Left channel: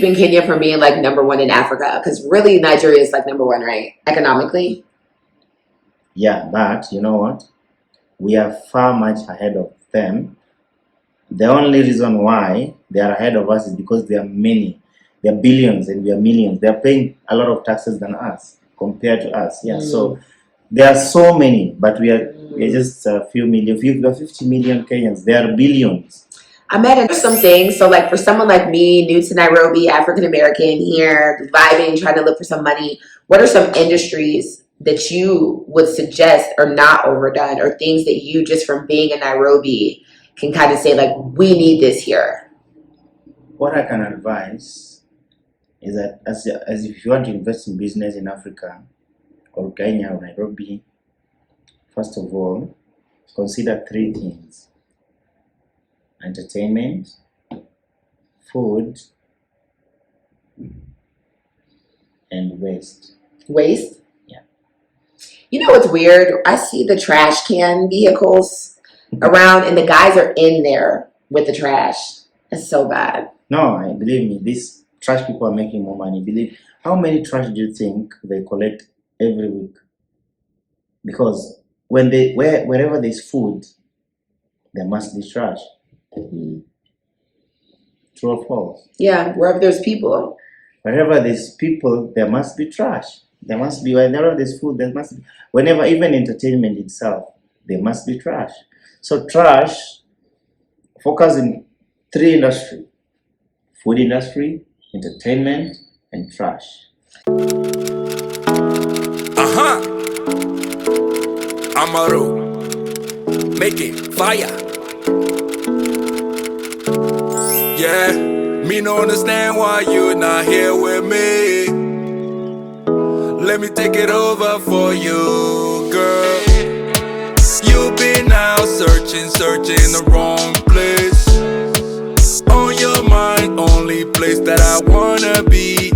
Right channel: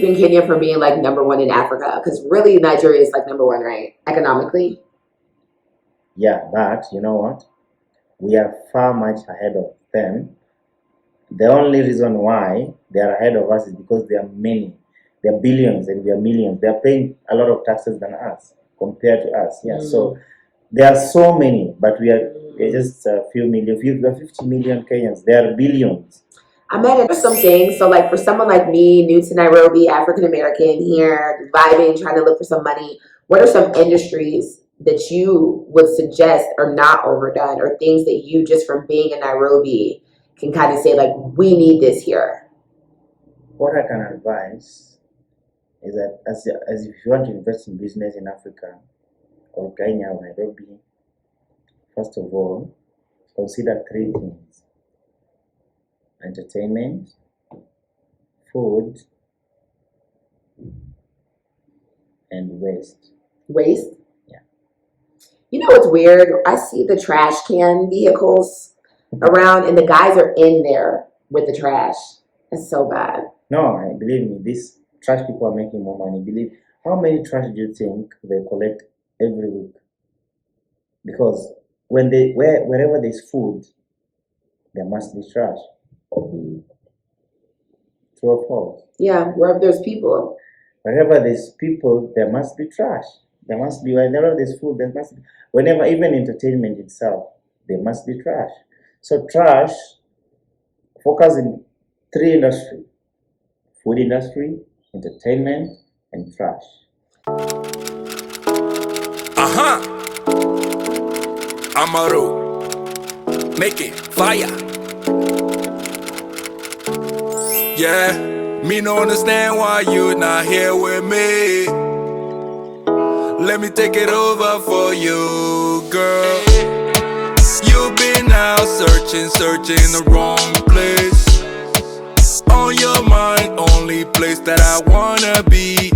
keeping Kenya from being like #1 in Africa? Because really Nigeria is like #1, right? Economically. Yeah, but you know what? We are far much ahead of them. The only reason why they are ahead of us is because they are many. They are billions and we are millions. They are paying a lot of taxes than us compared to us. Yeah, so there are so many, but we're just a few million. We are 50 million Kenyans. There are billions. I met some things. So like for someone like me, new to Nairobi, African American here, vibing, trying to look for some money, what are some industries that you would suggest are not overdone, or things that you just from being in Nairobi can kind of say like, we need this here? What I can advise is that as if you want to invest in business in Africa or Kenya or Nairobi, first of all, consider 3 things: entertainment, food, and waste. Waste? Yeah. You know what's weird? I see the trash can vehicles around and the guys are in there with the trash. It's so bad. No, believe me, these trash people are making more money. Believe, how many trash do you think they collect every week? Because wherever there's food, there must be trash. True or false? Yeah, wherever there's people. Wherever there's people, there must be trash. There must be, whenever there's food, there must be, whenever, even entertainment itself, there must be trash. So trash, focus in 3 industries: food industry, entertainment, and trash. Amaru, make it fire. Yeah, me no understand why you not here with me. Let me take it over for you, girl. You've been out searching the wrong place. On your mind, only place that I wanna be.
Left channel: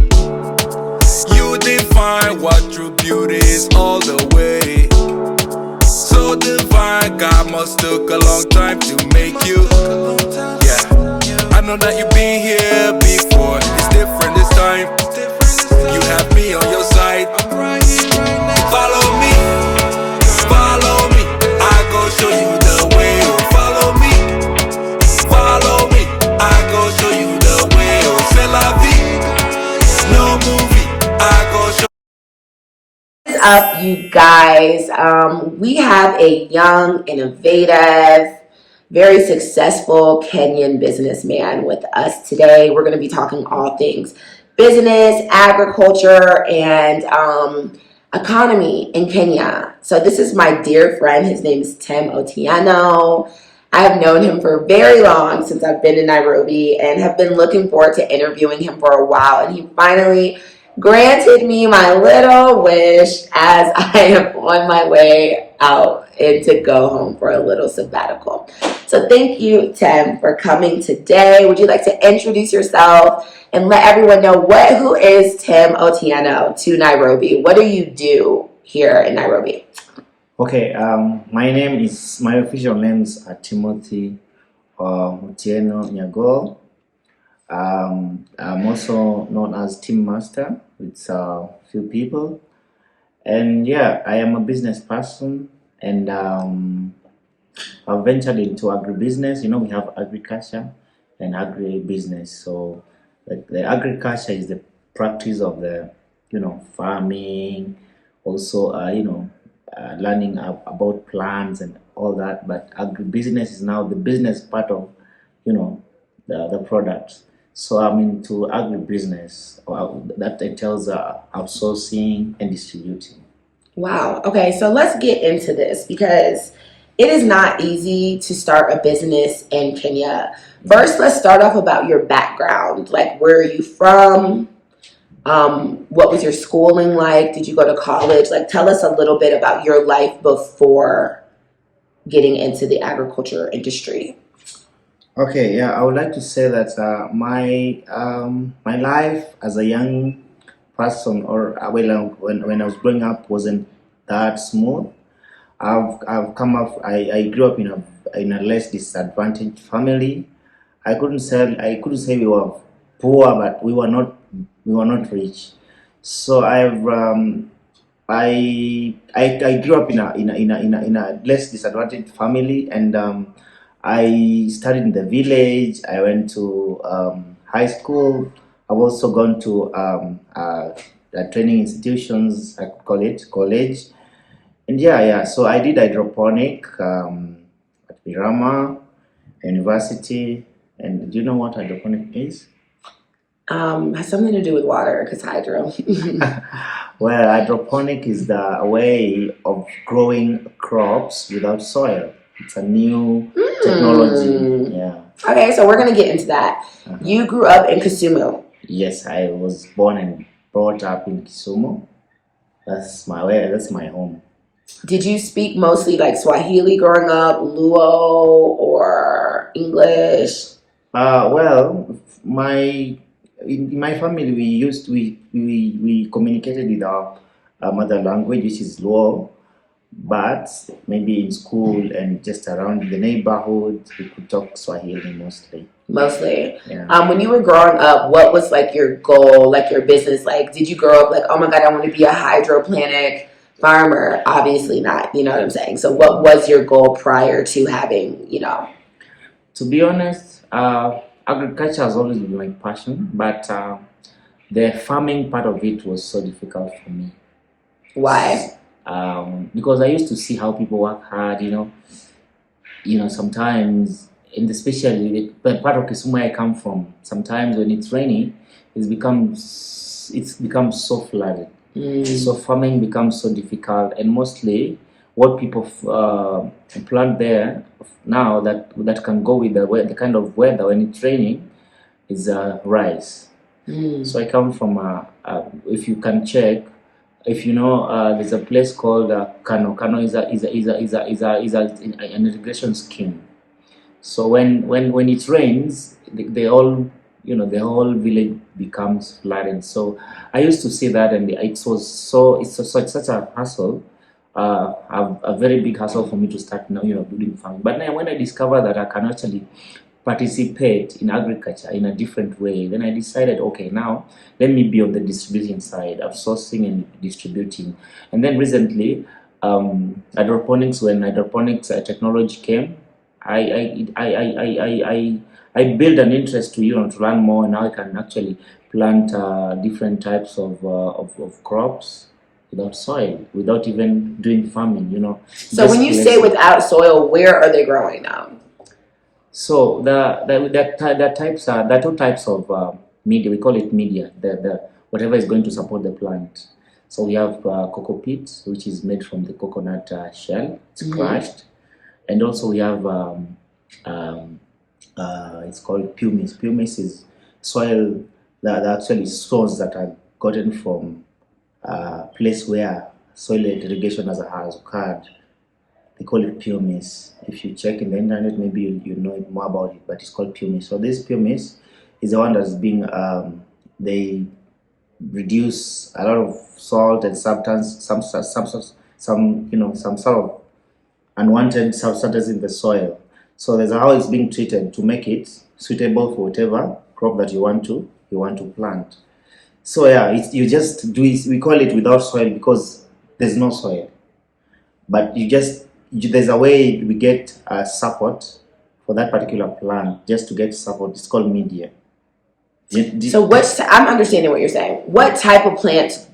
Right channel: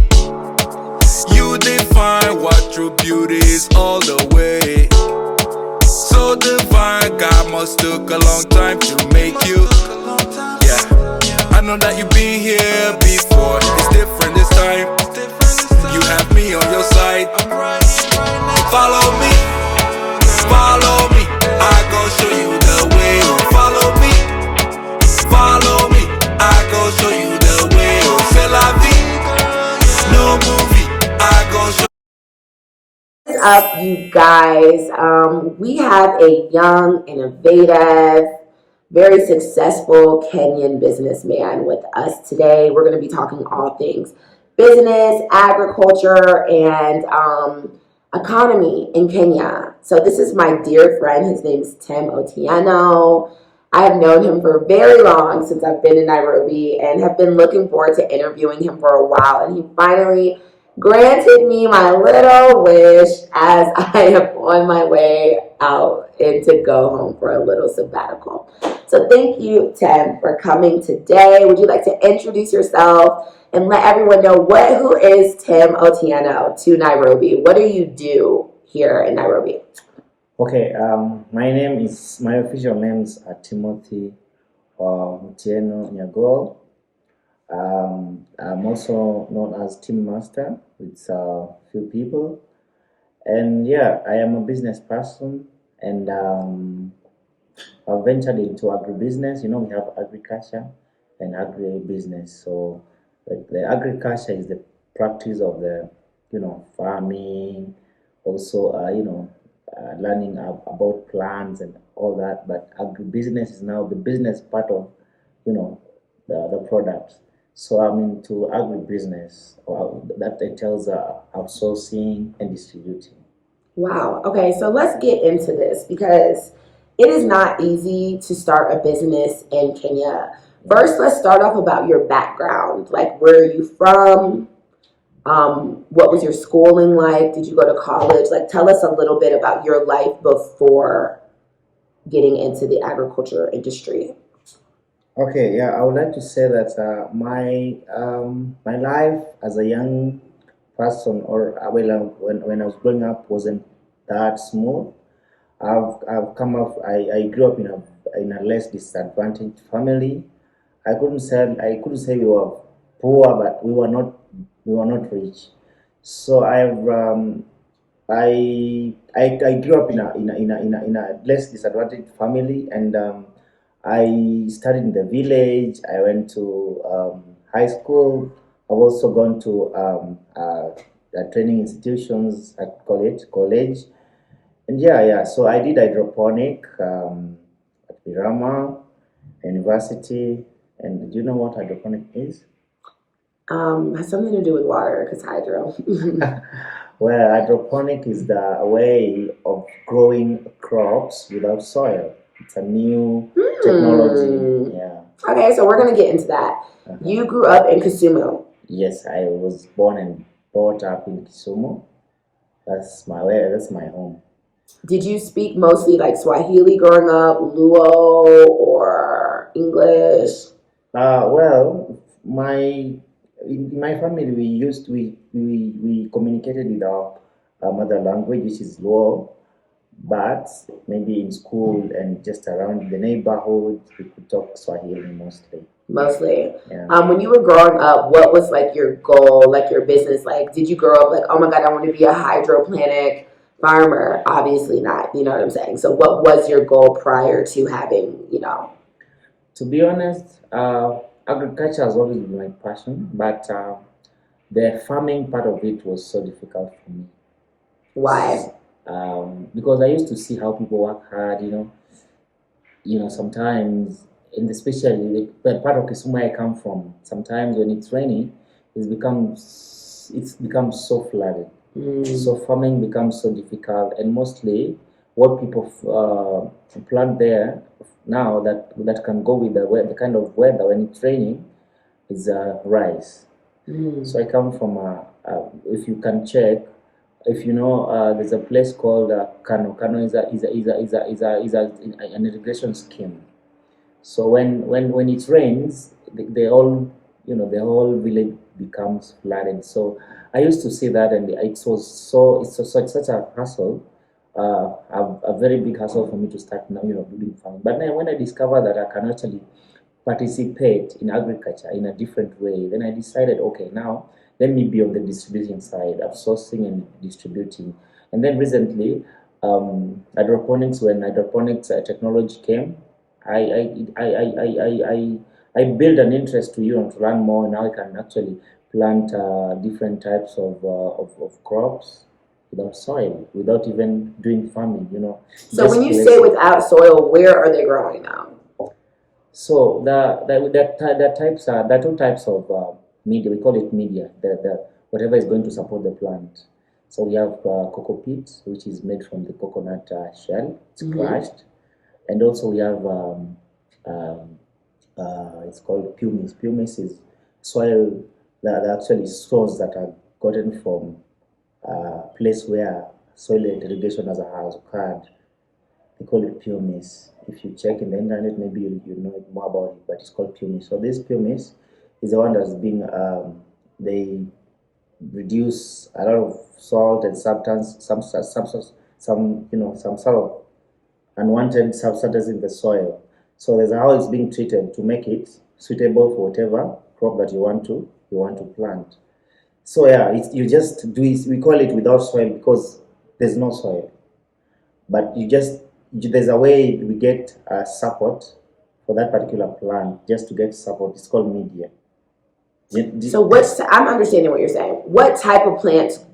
You define what true beauty is all the way. So divine, God must took a long time to make you. Yeah, I know that you've been here before. It's different this time. You have me on your side. Follow me, follow me. I go show you the way. Oh, follow me, follow me. I go show you the way. Oh, c'est la vie. No movie. I go show. What is up, you guys? We have a young, innovative, very successful Kenyan businessman with us today. We're going to be talking all things business, agriculture, and economy in Kenya. So this is my dear friend. His name is Tim Otieno. I have known him for very long, since I've been in Nairobi, and have been looking forward to interviewing him for a while. And he finally granted me my little wish as I am on my way out and to go home for a little sabbatical. So thank you, Tim, for coming today. Would you like to introduce yourself and let everyone know who is Tim Otieno to Nairobi? What do you do here in Nairobi? Okay, my official name is Timothy Otieno Nyagol. I'm also known as Team Master with a few people, and yeah, I am a business person, and I've ventured into agribusiness. You know, we have agriculture and agribusiness. So the agriculture is the practice of the, farming, also, learning about plants and all that. But agribusiness is now the business part of, the products. So I'm into agribusiness. That entails outsourcing and distributing. Wow. Okay, so let's get into this, because it is not easy to start a business in Kenya. First, let's start off about your background. Like, where are you from? What was your schooling like? Did you go to college? Like, tell us a little bit about your life before getting into the agriculture industry. Okay, yeah, I would like to say that my life as a young person, or when I was growing up, wasn't that smooth. I've come up. I grew up in a less disadvantaged family. I couldn't say we were poor, but we were not rich. So I grew up in a less disadvantaged family, and I studied in the village. I went to high school. I've also gone to training institutions. I could call it college, and yeah. So I did hydroponic at Birama University. And do you know what hydroponic is? Has something to do with water because hydro. Well, hydroponic is the way of growing crops without soil. It's a new technology. Yeah. Okay, so we're gonna get into that. Uh-huh. You grew up in Kisumu. Yes, I was born and brought up in Kisumu. That's my home. Did you speak mostly like Swahili growing up, Luo, or English? Well, in my family we communicated with our mother language, which is Luo, but maybe in school and just around the neighborhood we could talk Swahili mostly. Mostly. Yeah. When you were growing up, what was like your goal, like your business? Like, did you grow up like, oh my God, I want to be a hydroponic farmer? Obviously not. You know what I'm saying? So, what was your goal prior to having, To be honest, agriculture has always been my passion, but the farming part of it was so difficult for me. Why? Because I used to see how people work hard, sometimes, and especially the part of Kisumu I come from, sometimes when it's raining, it's become so flooded. So farming becomes so difficult, and mostly what people plant there now that can go with the kind of weather when it's raining is rice. So I come from if you can check, if you know, there's a place called Kano. Kano is an irrigation scheme. So when it rains, the whole village becomes flooded. So I used to see that, and it's such a hassle, a very big hassle for me to start now, doing farming. But now when I discovered that I can actually participate in agriculture in a different way, then I decided, okay, now let me be on the distributing side of sourcing and distributing. And then recently, hydroponics, when hydroponics technology came, I built an interest to learn more, and now I can actually plant different types of crops without soil, without even doing farming. So when you say without soil, where are they growing now? So the two types of media, we call it media, the whatever is going to support the plant. So we have cocoa peat, which is made from the coconut shell. It's crushed, and also we have it's called pumice. Pumice is soil that actually soils that are gotten from a place where soil irrigation has occurred. They call it pumice. If you check in the internet, maybe you know more about it, but it's called pumice. So this pumice is the one that's being they reduce a lot of salt and substance, some sort of unwanted substances in the soil. So there's how it's being treated to make it suitable for whatever crop that you want to plant. So yeah, you just do it. We call it without soil because there's no soil, but there's a way we get support for that particular plant. Just to get support, it's called media. So I'm understanding what you're saying. What type of plants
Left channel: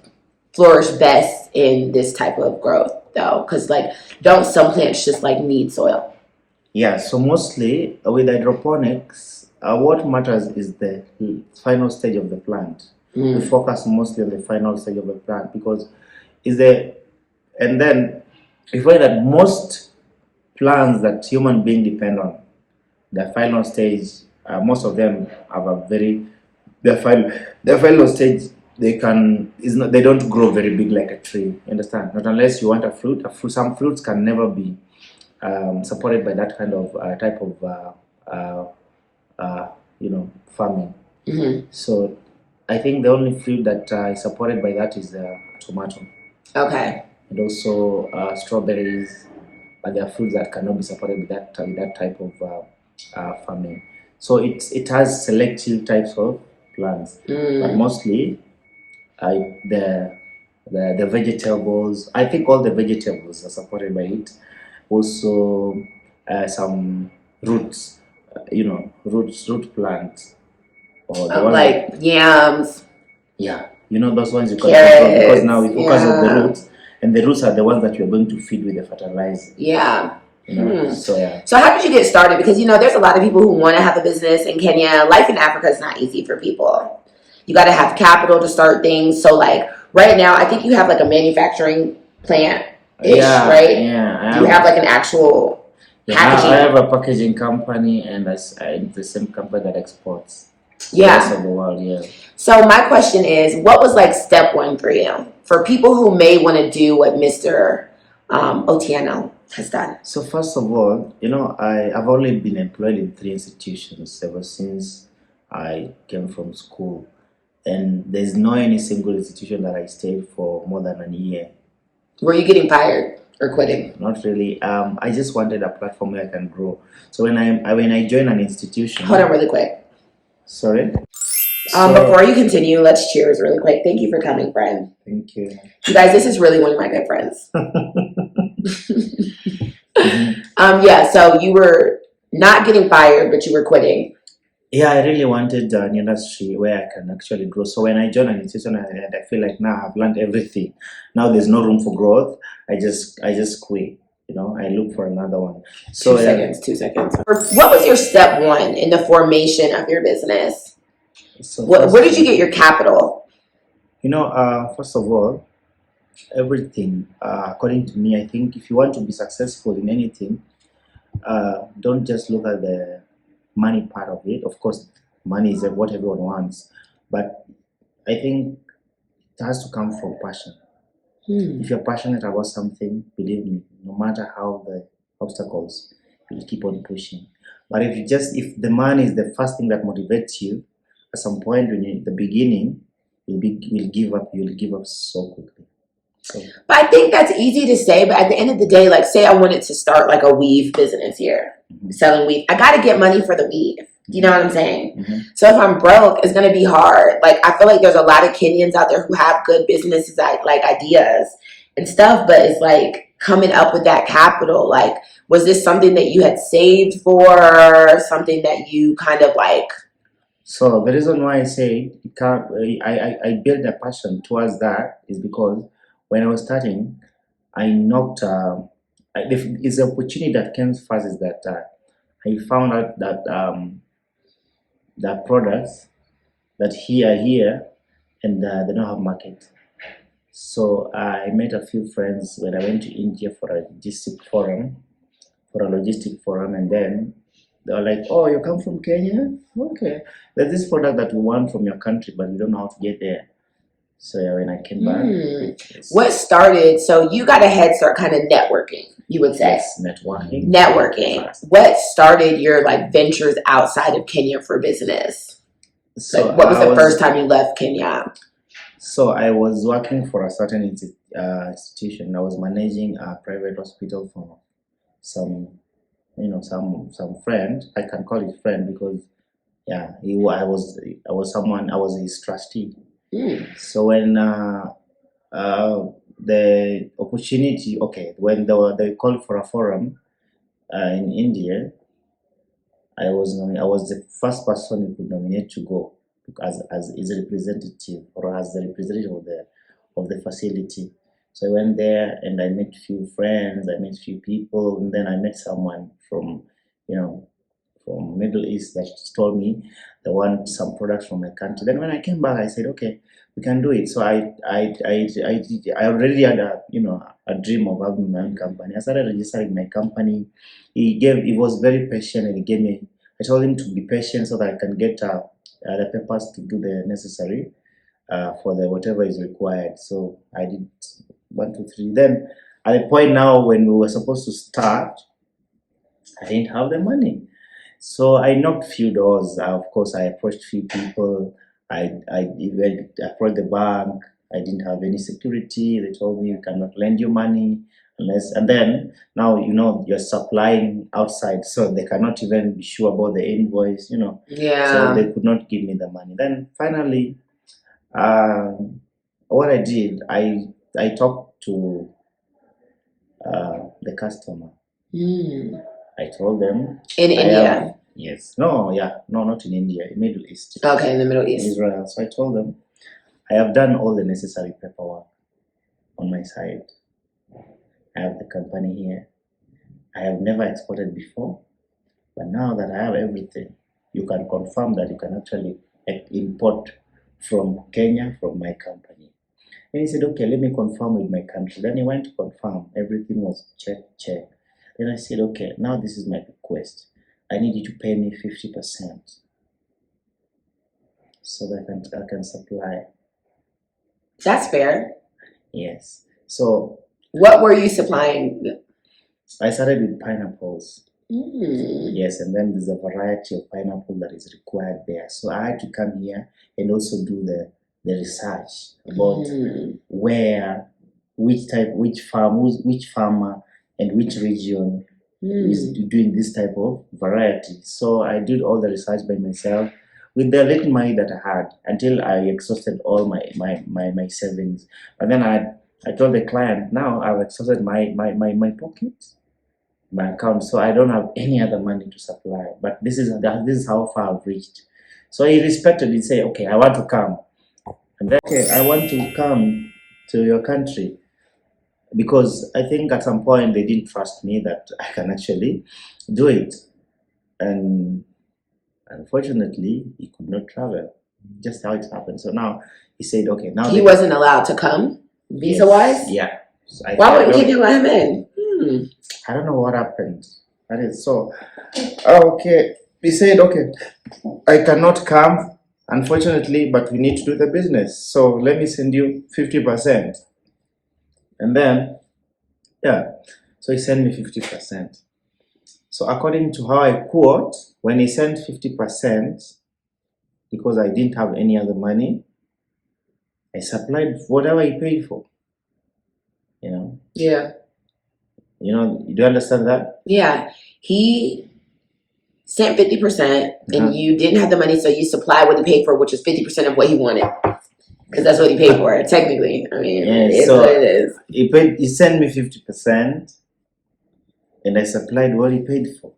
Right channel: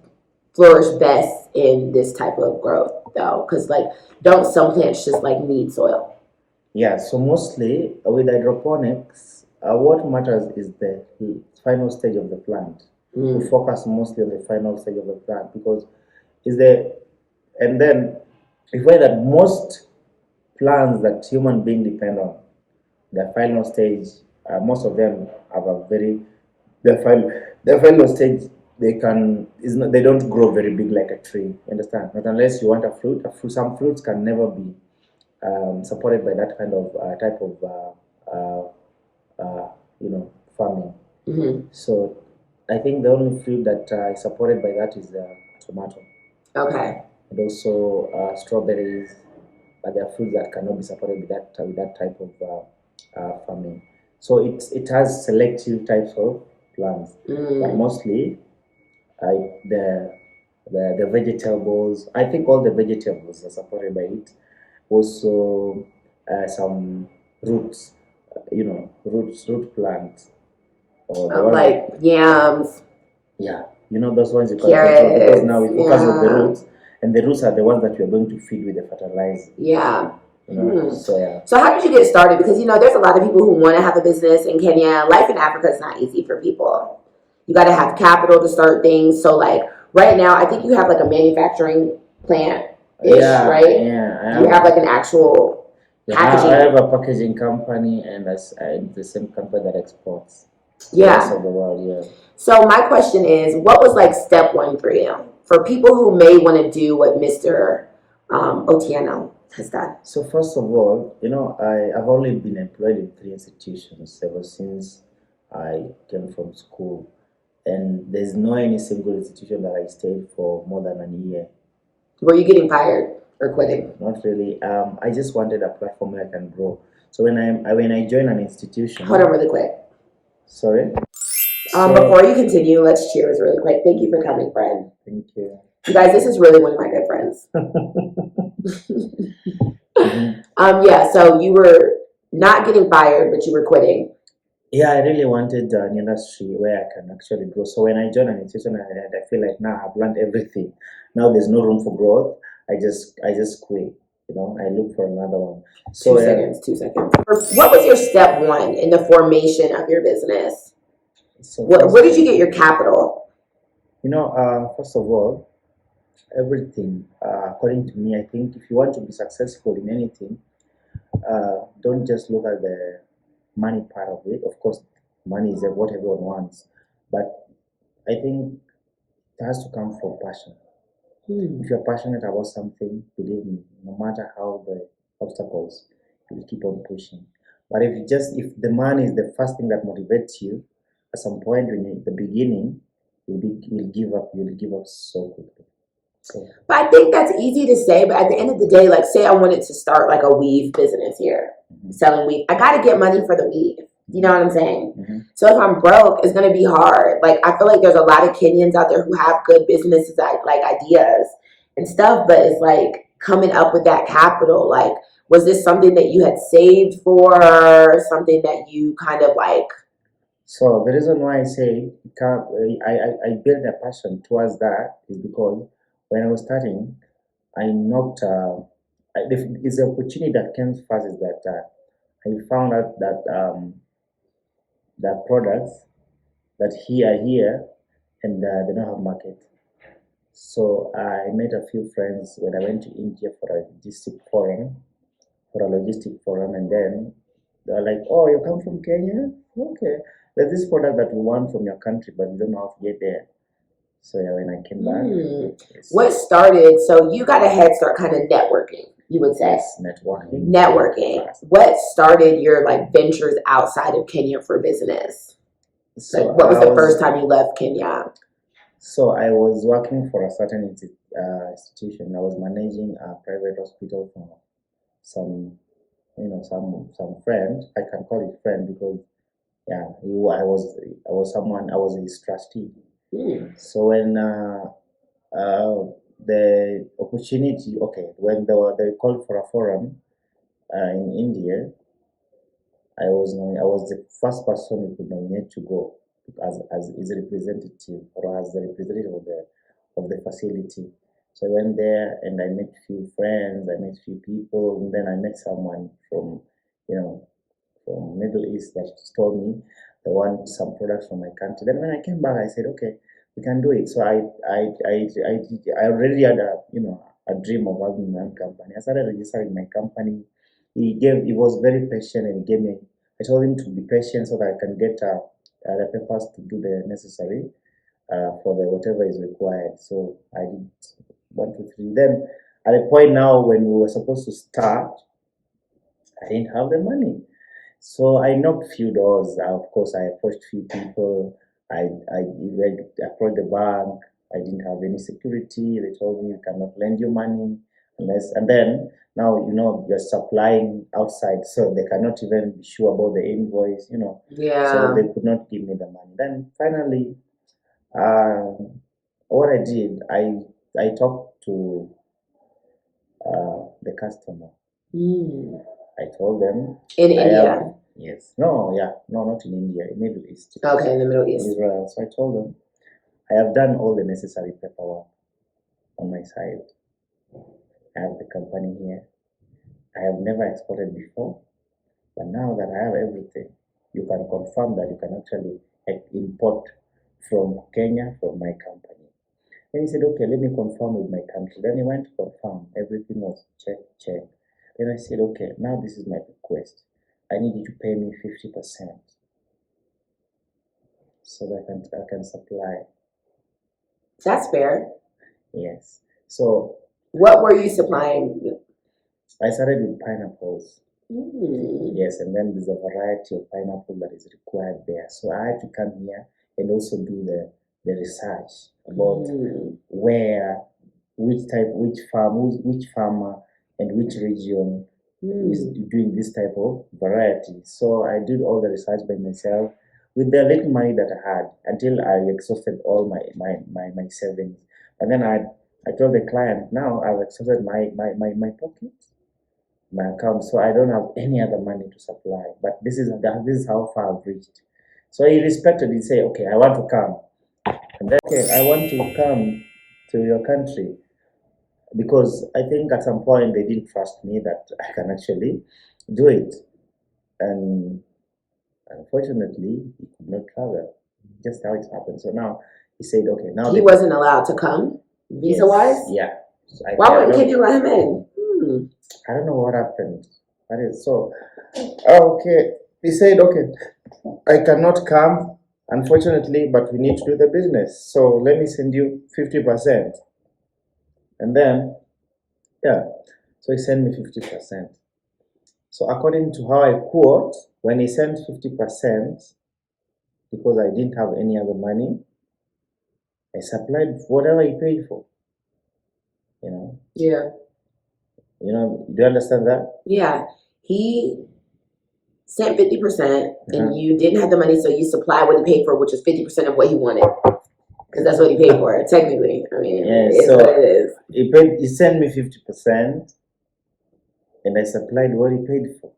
flourish best in this type of growth, though? Because don't some plants just need soil? Yeah. So mostly with hydroponics, what matters is the final stage of the plant. We focus mostly on the final stage of the plant because and then we find that most plants that human beings depend on, the final stage, most of them have their final stage. They don't grow very big like a tree. You understand? Not unless you want a fruit. Some fruits can never be supported by that kind of type of farming. So I think the only fruit that is supported by that is tomato. Okay. And also strawberries, but there are fruits that cannot be supported with that type of farming. So it has selective types of plants. But mostly, the vegetables. I think all the vegetables are supported by it. Also, some roots. Root plants, or the ones Like yams, yeah, those ones you can carrots. because now we focus on the Yeah. roots, and the roots are the ones that you're going to feed with the fertilizer. Yeah. So yeah. So how did you get started? Because there's a lot of people who want to have a business in Kenya. Life in Africa is not easy for people. You got to have capital to start things. So like right now, I think you have like a manufacturing plant ish, right? Yeah. Do you have like an actual packaging? I have a packaging company, and that's the same company that exports to the Yeah. rest of the world. Yeah. So my question is, what was like step one for you? For people who may want to do what Mr. Otieno has done. So first of all, I've only been employed in 3 institutions ever since I came from school, and there's no any single institution that I stayed for more than a year. Were you getting fired or quitting? Not really. I just wanted a platform where I can grow. So when I join an institution. Hold on really quick. Sorry. Before you continue, let's cheers really quick. Thank you for coming, friend. Thank you. You guys, this is really one of my good friends. Yeah, so you were not getting fired, but you were quitting. Yeah, I really wanted an industry where I can actually grow. So when I joined an institution, I feel like now I've learned everything. Now there's no room for growth. I just quit. I look for another one. So 2 seconds. What was your step one in the formation of your business? So where did you get your capital? First of all, everything, according to me, I think if you want to be successful in anything, don't just look at the money part of it. Of course, money is what everyone wants, but I think it has to come from passion. If you're passionate about something, believe me, no matter how the obstacles, you'll keep on pushing. But if the money is the first thing that motivates you, at some point when you're at the beginning, you'll give up so quickly. So. But I think that's easy to say, but at the end of the day, like say I wanted to start like a weave business here, selling weave. I got to get money for the weave. You know what I'm saying? So if I'm broke, it's going to be hard. Like I feel like there's a lot of Kenyans out there who have good businesses, like ideas and stuff, but it's like coming up with that capital. Like, was this something that you had saved for, something that you kind of like? So the reason why I say I built a passion towards that is because when I was starting, I knocked. It's the opportunity that came first is that I found out that the products that here and they don't have market. So I met a few friends when I went to India for a logistic forum, and then they were like, "Oh, you come from Kenya? Okay. There's this product that we want from your country, but we don't know how to get there." So yeah, when I came back, what started? So you got a head start, kind of networking, you would say. Yes, networking. What started your like ventures outside of Kenya for business? So like, what was the first time you left Kenya? So I was working for a certain institution. I was managing a private hospital for some friend. I can call it friend because yeah, I was his trustee. So when the opportunity, when they called for a forum in India, I was the first person who could nominate to go as his representative or as the representative of the facility. So I went there and I met few friends, I met few people, and then I met someone from Middle East that told me they want some products from my country. Then when I came back, I said, okay, we can do it. So I already had a dream of having my own company. I started registering my company. He was very patient, and I told him to be patient so that I can get the papers to do the necessary for the whatever is required. So I did 1, 2, 3. Then at the point now when we were supposed to start, I didn't have the money. So I knocked few doors. Of course, I approached few people. I approached the bank. I didn't have any security. They told me we cannot lend you money unless, and then now you're supplying outside, so they cannot even be sure about the invoice, so Yeah. they could not give me the money. Then finally, what I did, I talked to the customer. I told them In I India. yes, no, yeah, no, not in India, in Middle East. Okay, in the Middle East. Israel. So I told them I have done all the necessary paperwork on my side. I have the company here. I have never exported before, but now that I have everything, you can confirm that you can actually import from Kenya from my company. And he said, okay, let me confirm with my country. Then he went to confirm. Everything was check. Then I said, okay, now this is my request. I need you to pay me 50% so that I can supply. That's fair. Yes. So what were you supplying? I started with pineapples. Mm. Yes, and then there's a variety of pineapple that is required there. So I had to come here and also do the research about which farmer and which region is doing this type of variety. So I did all the research by myself with the little money that I had until I exhausted all my savings. And then I told the client, now I've exhausted my pocket, my account, so I don't have any other money to supply. But this is how far I've reached. So he respected. He said, okay, I want to come. And then, okay, I want to come to your country, because I think at some point they didn't trust me that I can actually do it. And unfortunately, he could not travel. Just how it happened. So now he said, okay, now he wasn't allowed to come visa-wise? Yeah. So why wouldn't Kenya let him in? I don't know what happened. That is so. Okay. He said, okay, I cannot come, unfortunately, but we need to do the business. So let me send you 50%. And then, yeah, so he sent me 50%. So according to how I quote, when he sent 50%, because I didn't have any other money, I supplied whatever he paid for. Yeah. Do you understand that? Yeah. He sent 50% and you didn't have the money, so you supplied what he paid for, which is 50% of what he wanted. Because that's what he paid for, technically. I mean, it's what it is. He sent me 50% and I supplied what he paid for.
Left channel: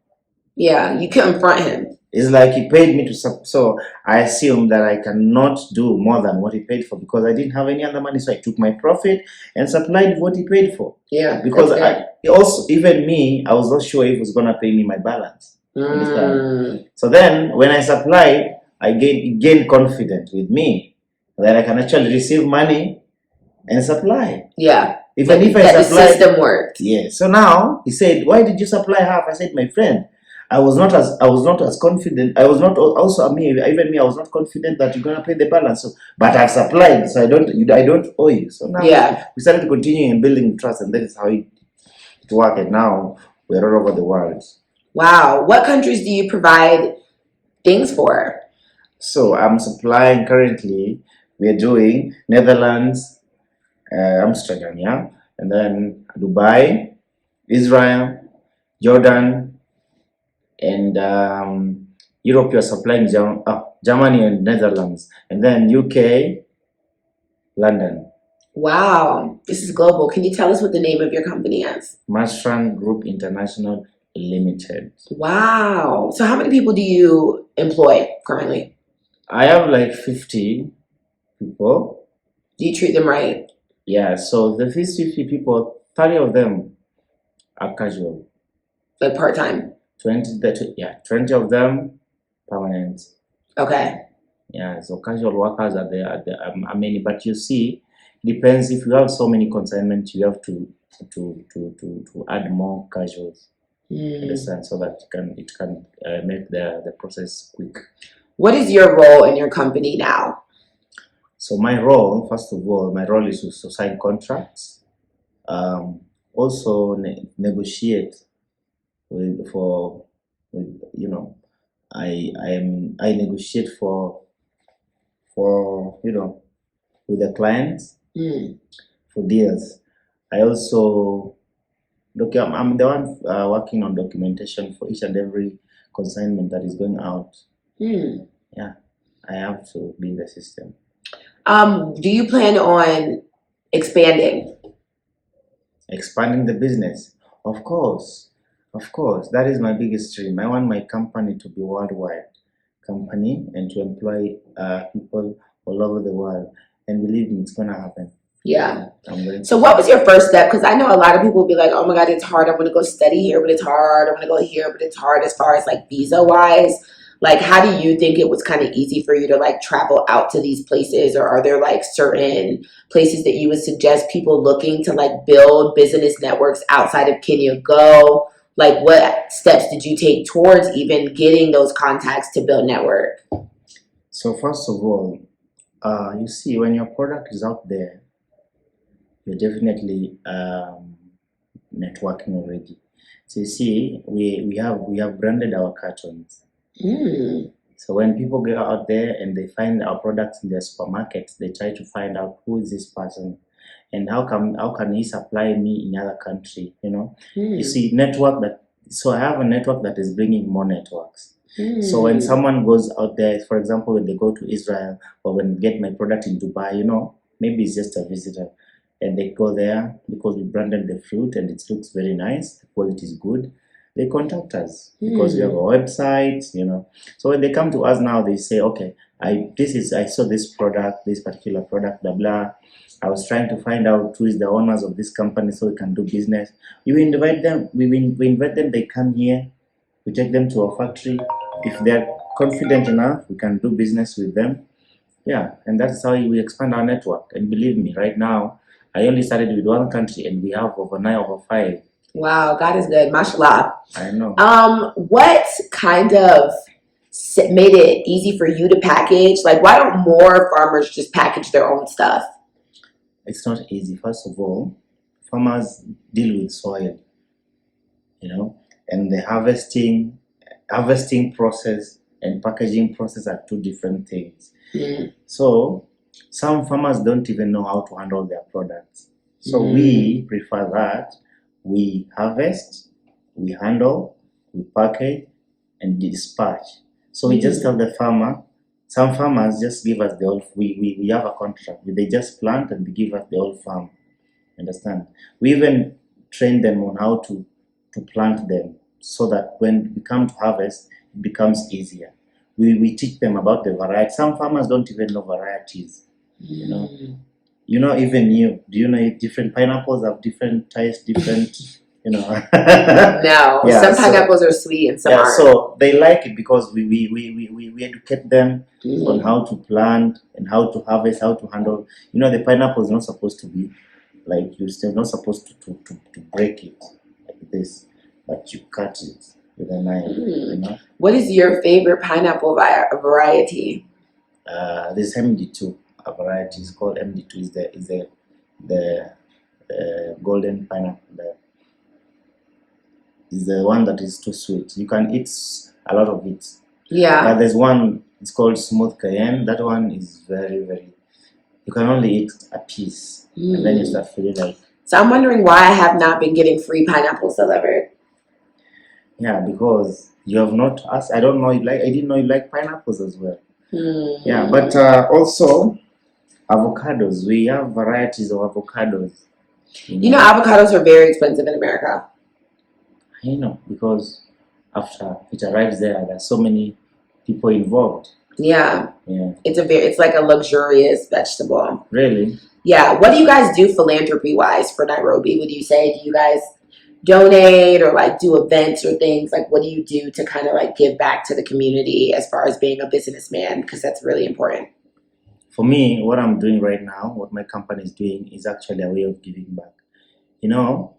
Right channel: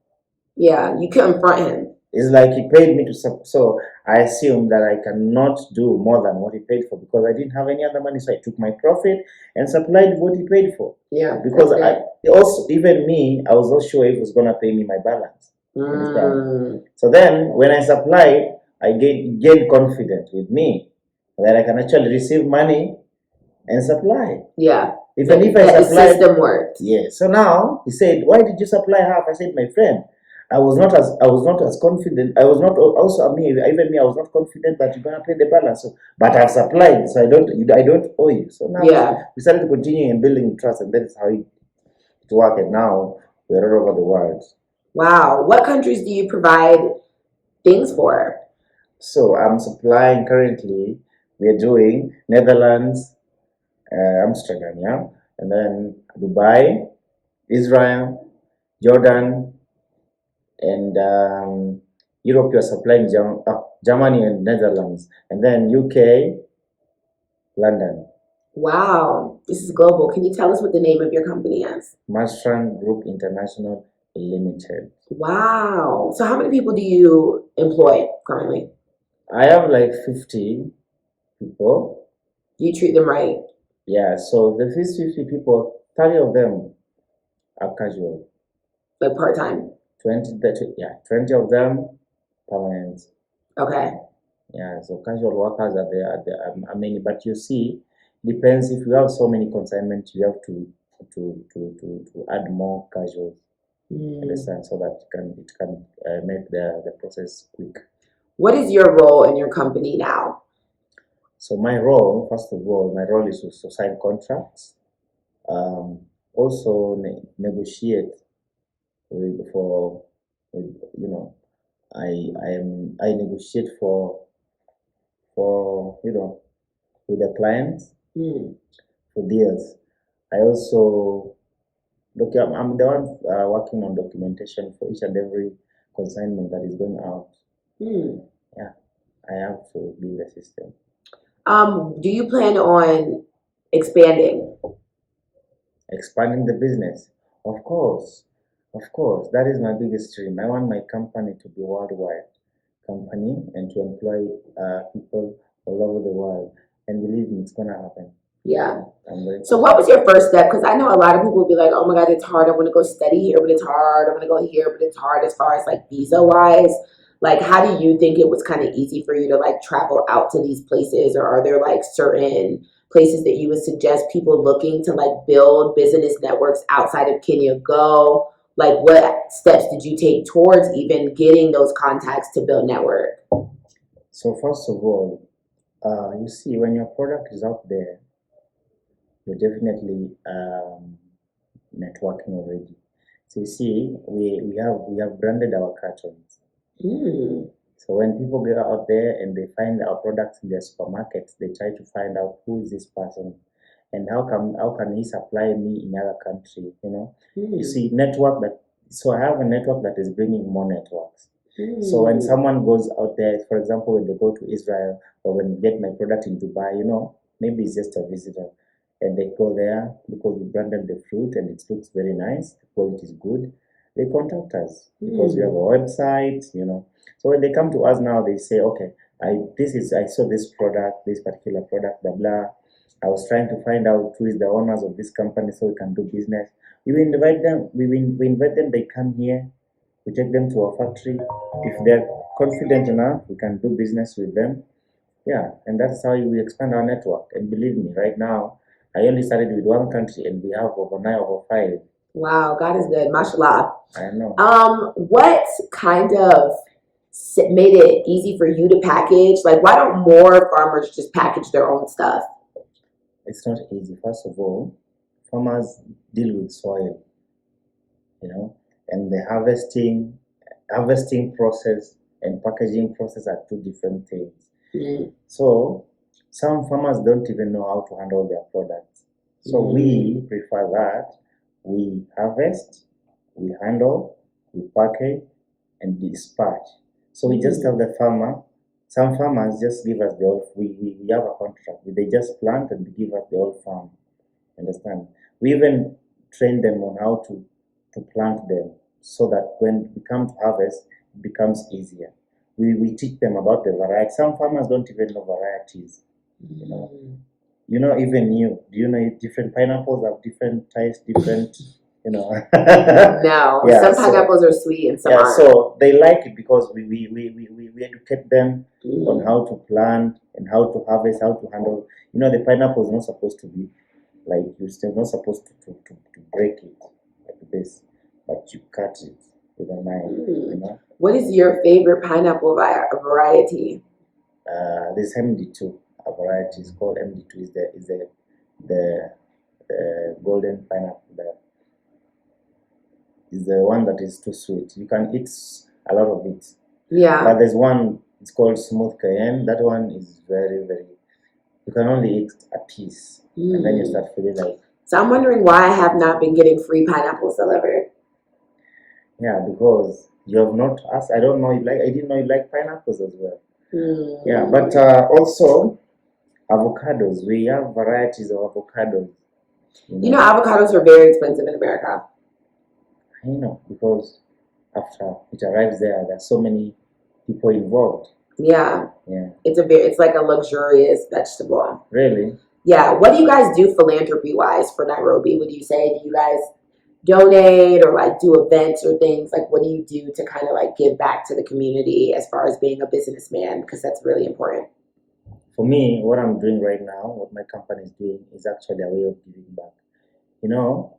Yeah, you confront him. It's like he paid me so I assume that I cannot do more than what he paid for, because I didn't have any other money. So I took my profit and supplied what he paid for. Yeah. Because even me, I was not sure if he was gonna pay me my balance. Understand? So then when I supplied, I gained confidence with me that I can actually receive money and supply. Yeah. Even if I supplied, the system worked. Yeah. So now he said, why did you supply half? I said, my friend, I was not as confident. I was not also even me. I was not confident that you're gonna pay the balance. So, but I've supplied, so I don't owe you. So now we started continuing and building trust, and that is how it worked. And now we're all over the world. Wow. What countries do you provide things for? So I'm supplying currently. We're doing Netherlands, Amsterdam, yeah, and then Dubai, Israel, Jordan. And Europe, you're supplying Germany and Netherlands, and then UK, London. Wow, this is global. Can you tell us what the name of your company is? Mastran Group International Limited. Wow. So how many people do you employ currently? I have like 50 people. Do you treat them right? Yeah, so the first 50 people, 30 of them are casual. Like part-time? 20 of them permanent. Okay. Yeah, so casual workers are many, but you see, depends. If you have so many consignments, you have to add more casuals. Understand, so that it can make the process quick. What is your role in your company now? So my role, first of all, is to sign contracts. Also negotiate I negotiate for with the clients for deals. I also I'm the one working on documentation for each and every consignment that is going out. Hmm. Yeah, I have to be in the system. Do you plan on expanding? Expanding the business, of course, that is my biggest dream. I want my company to be worldwide company and to employ people all over the world. And believe me, it's gonna happen. Yeah. I'm going So to. what was your first step? Because I know a lot of people will be like, oh my God, it's hard. I want to go study here, but it's hard. I want to go here, but it's hard as far as like visa wise. Like, how do you think it was kind of easy for you to like travel out to these places? Or are there like certain places that you would suggest people looking to like build business networks outside of Kenya go? Like, what steps did you take towards even getting those contacts to build network? So first of all, you see, when your product is out there, you're definitely networking already. So you see, we have branded our cartons. Mm. So when people go out there and they find our products in their supermarkets, they try to find out who is this person and how can he supply me in other country, you know. You see, network that. So I have a network that is bringing more networks. So when someone goes out there, for example, when they go to Israel or when they get my product in Dubai, you know, maybe it's just a visitor and they go there because we branded the fruit and it looks very nice, the quality is good. They contact us because we have a website, you know. So when they come to us now, they say, okay, I saw this product, this particular product, blah blah. I was trying to find out who is the owners of this company so we can do business. We invite them. We invite them. They come here. We take them to our factory. If they're confident enough, we can do business with them. Yeah, and that's how we expand our network. And believe me, right now, I only started with one country, and we have over 9 over 5. Wow, God is good. Mashallah. I know. What kind of made it easy for you to package? Like, why don't more farmers just package their own stuff? It's not easy. First of all, farmers deal with soil, you know, and the harvesting process and packaging process are two different things. So some farmers don't even know how to handle their products. So we prefer that we harvest, we handle, we package, and dispatch. So we just tell the farmer. Some farmers just give us the whole. We have a contract. They just plant and they give us the whole farm. Understand? We even train them on how to plant them so that when we come to harvest, it becomes easier. We teach them about the variety. Some farmers don't even know varieties. You know. You know, even you. Do you know different pineapples have different types, different, you know? No, Yeah, some pineapples are sweet and some aren't. so they like it because we educate them on how to plant and how to harvest, how to handle. You know, the pineapple is not supposed to be like you're still not supposed to break it like this, but you cut it with a knife. You know. What is your favorite pineapple variety? This MD2 a variety is called MD2 is the golden pineapple. Is the one that is too sweet. You can eat a lot of it. Yeah. But there's one, it's called smooth cayenne. That one is very, very, you can only eat a piece. And then you start feeling like. So I'm wondering why I have not been getting free pineapples delivered. Yeah, because you have not asked. I don't know. I didn't know you like pineapples as well. Yeah, but also avocados. We have varieties of avocados. You know, avocados are very expensive in America. I know, because after it arrives there, there's so many people involved. Yeah. It's like a luxurious vegetable. Really? Yeah. What do you guys do philanthropy wise for Nairobi? Would you say, do you guys donate or like do events or things? Like, what do you do to kind of like give back to the community as far as being a businessman? Because that's really important. For me, what I'm doing right now, what my company is doing, is actually a way of giving back. You know,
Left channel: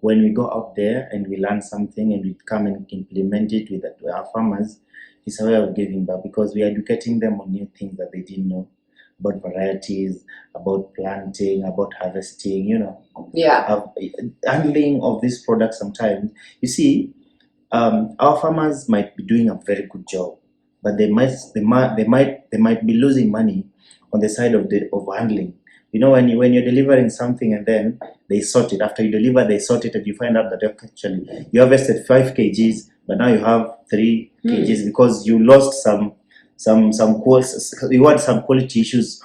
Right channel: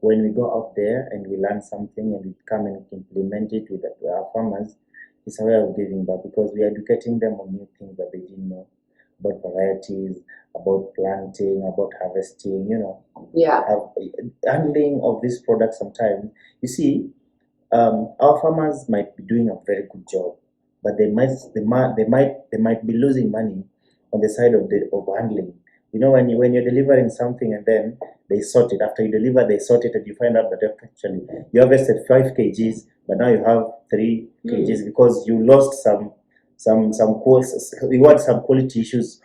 when we go out there and we learn something and we come and implement it with our farmers, it's a way of giving back because we are educating them on new things that they didn't know about varieties, about planting, about harvesting, you know. Yeah. Handling of these products sometimes. You see, our farmers might be doing a very good job, but they might be losing money on the side of handling. You know, when you're delivering something and then they sort it. After you deliver, they sort it, and you find out that actually you harvested 5 kgs, but now you have 3 kgs because you lost some you had some quality issues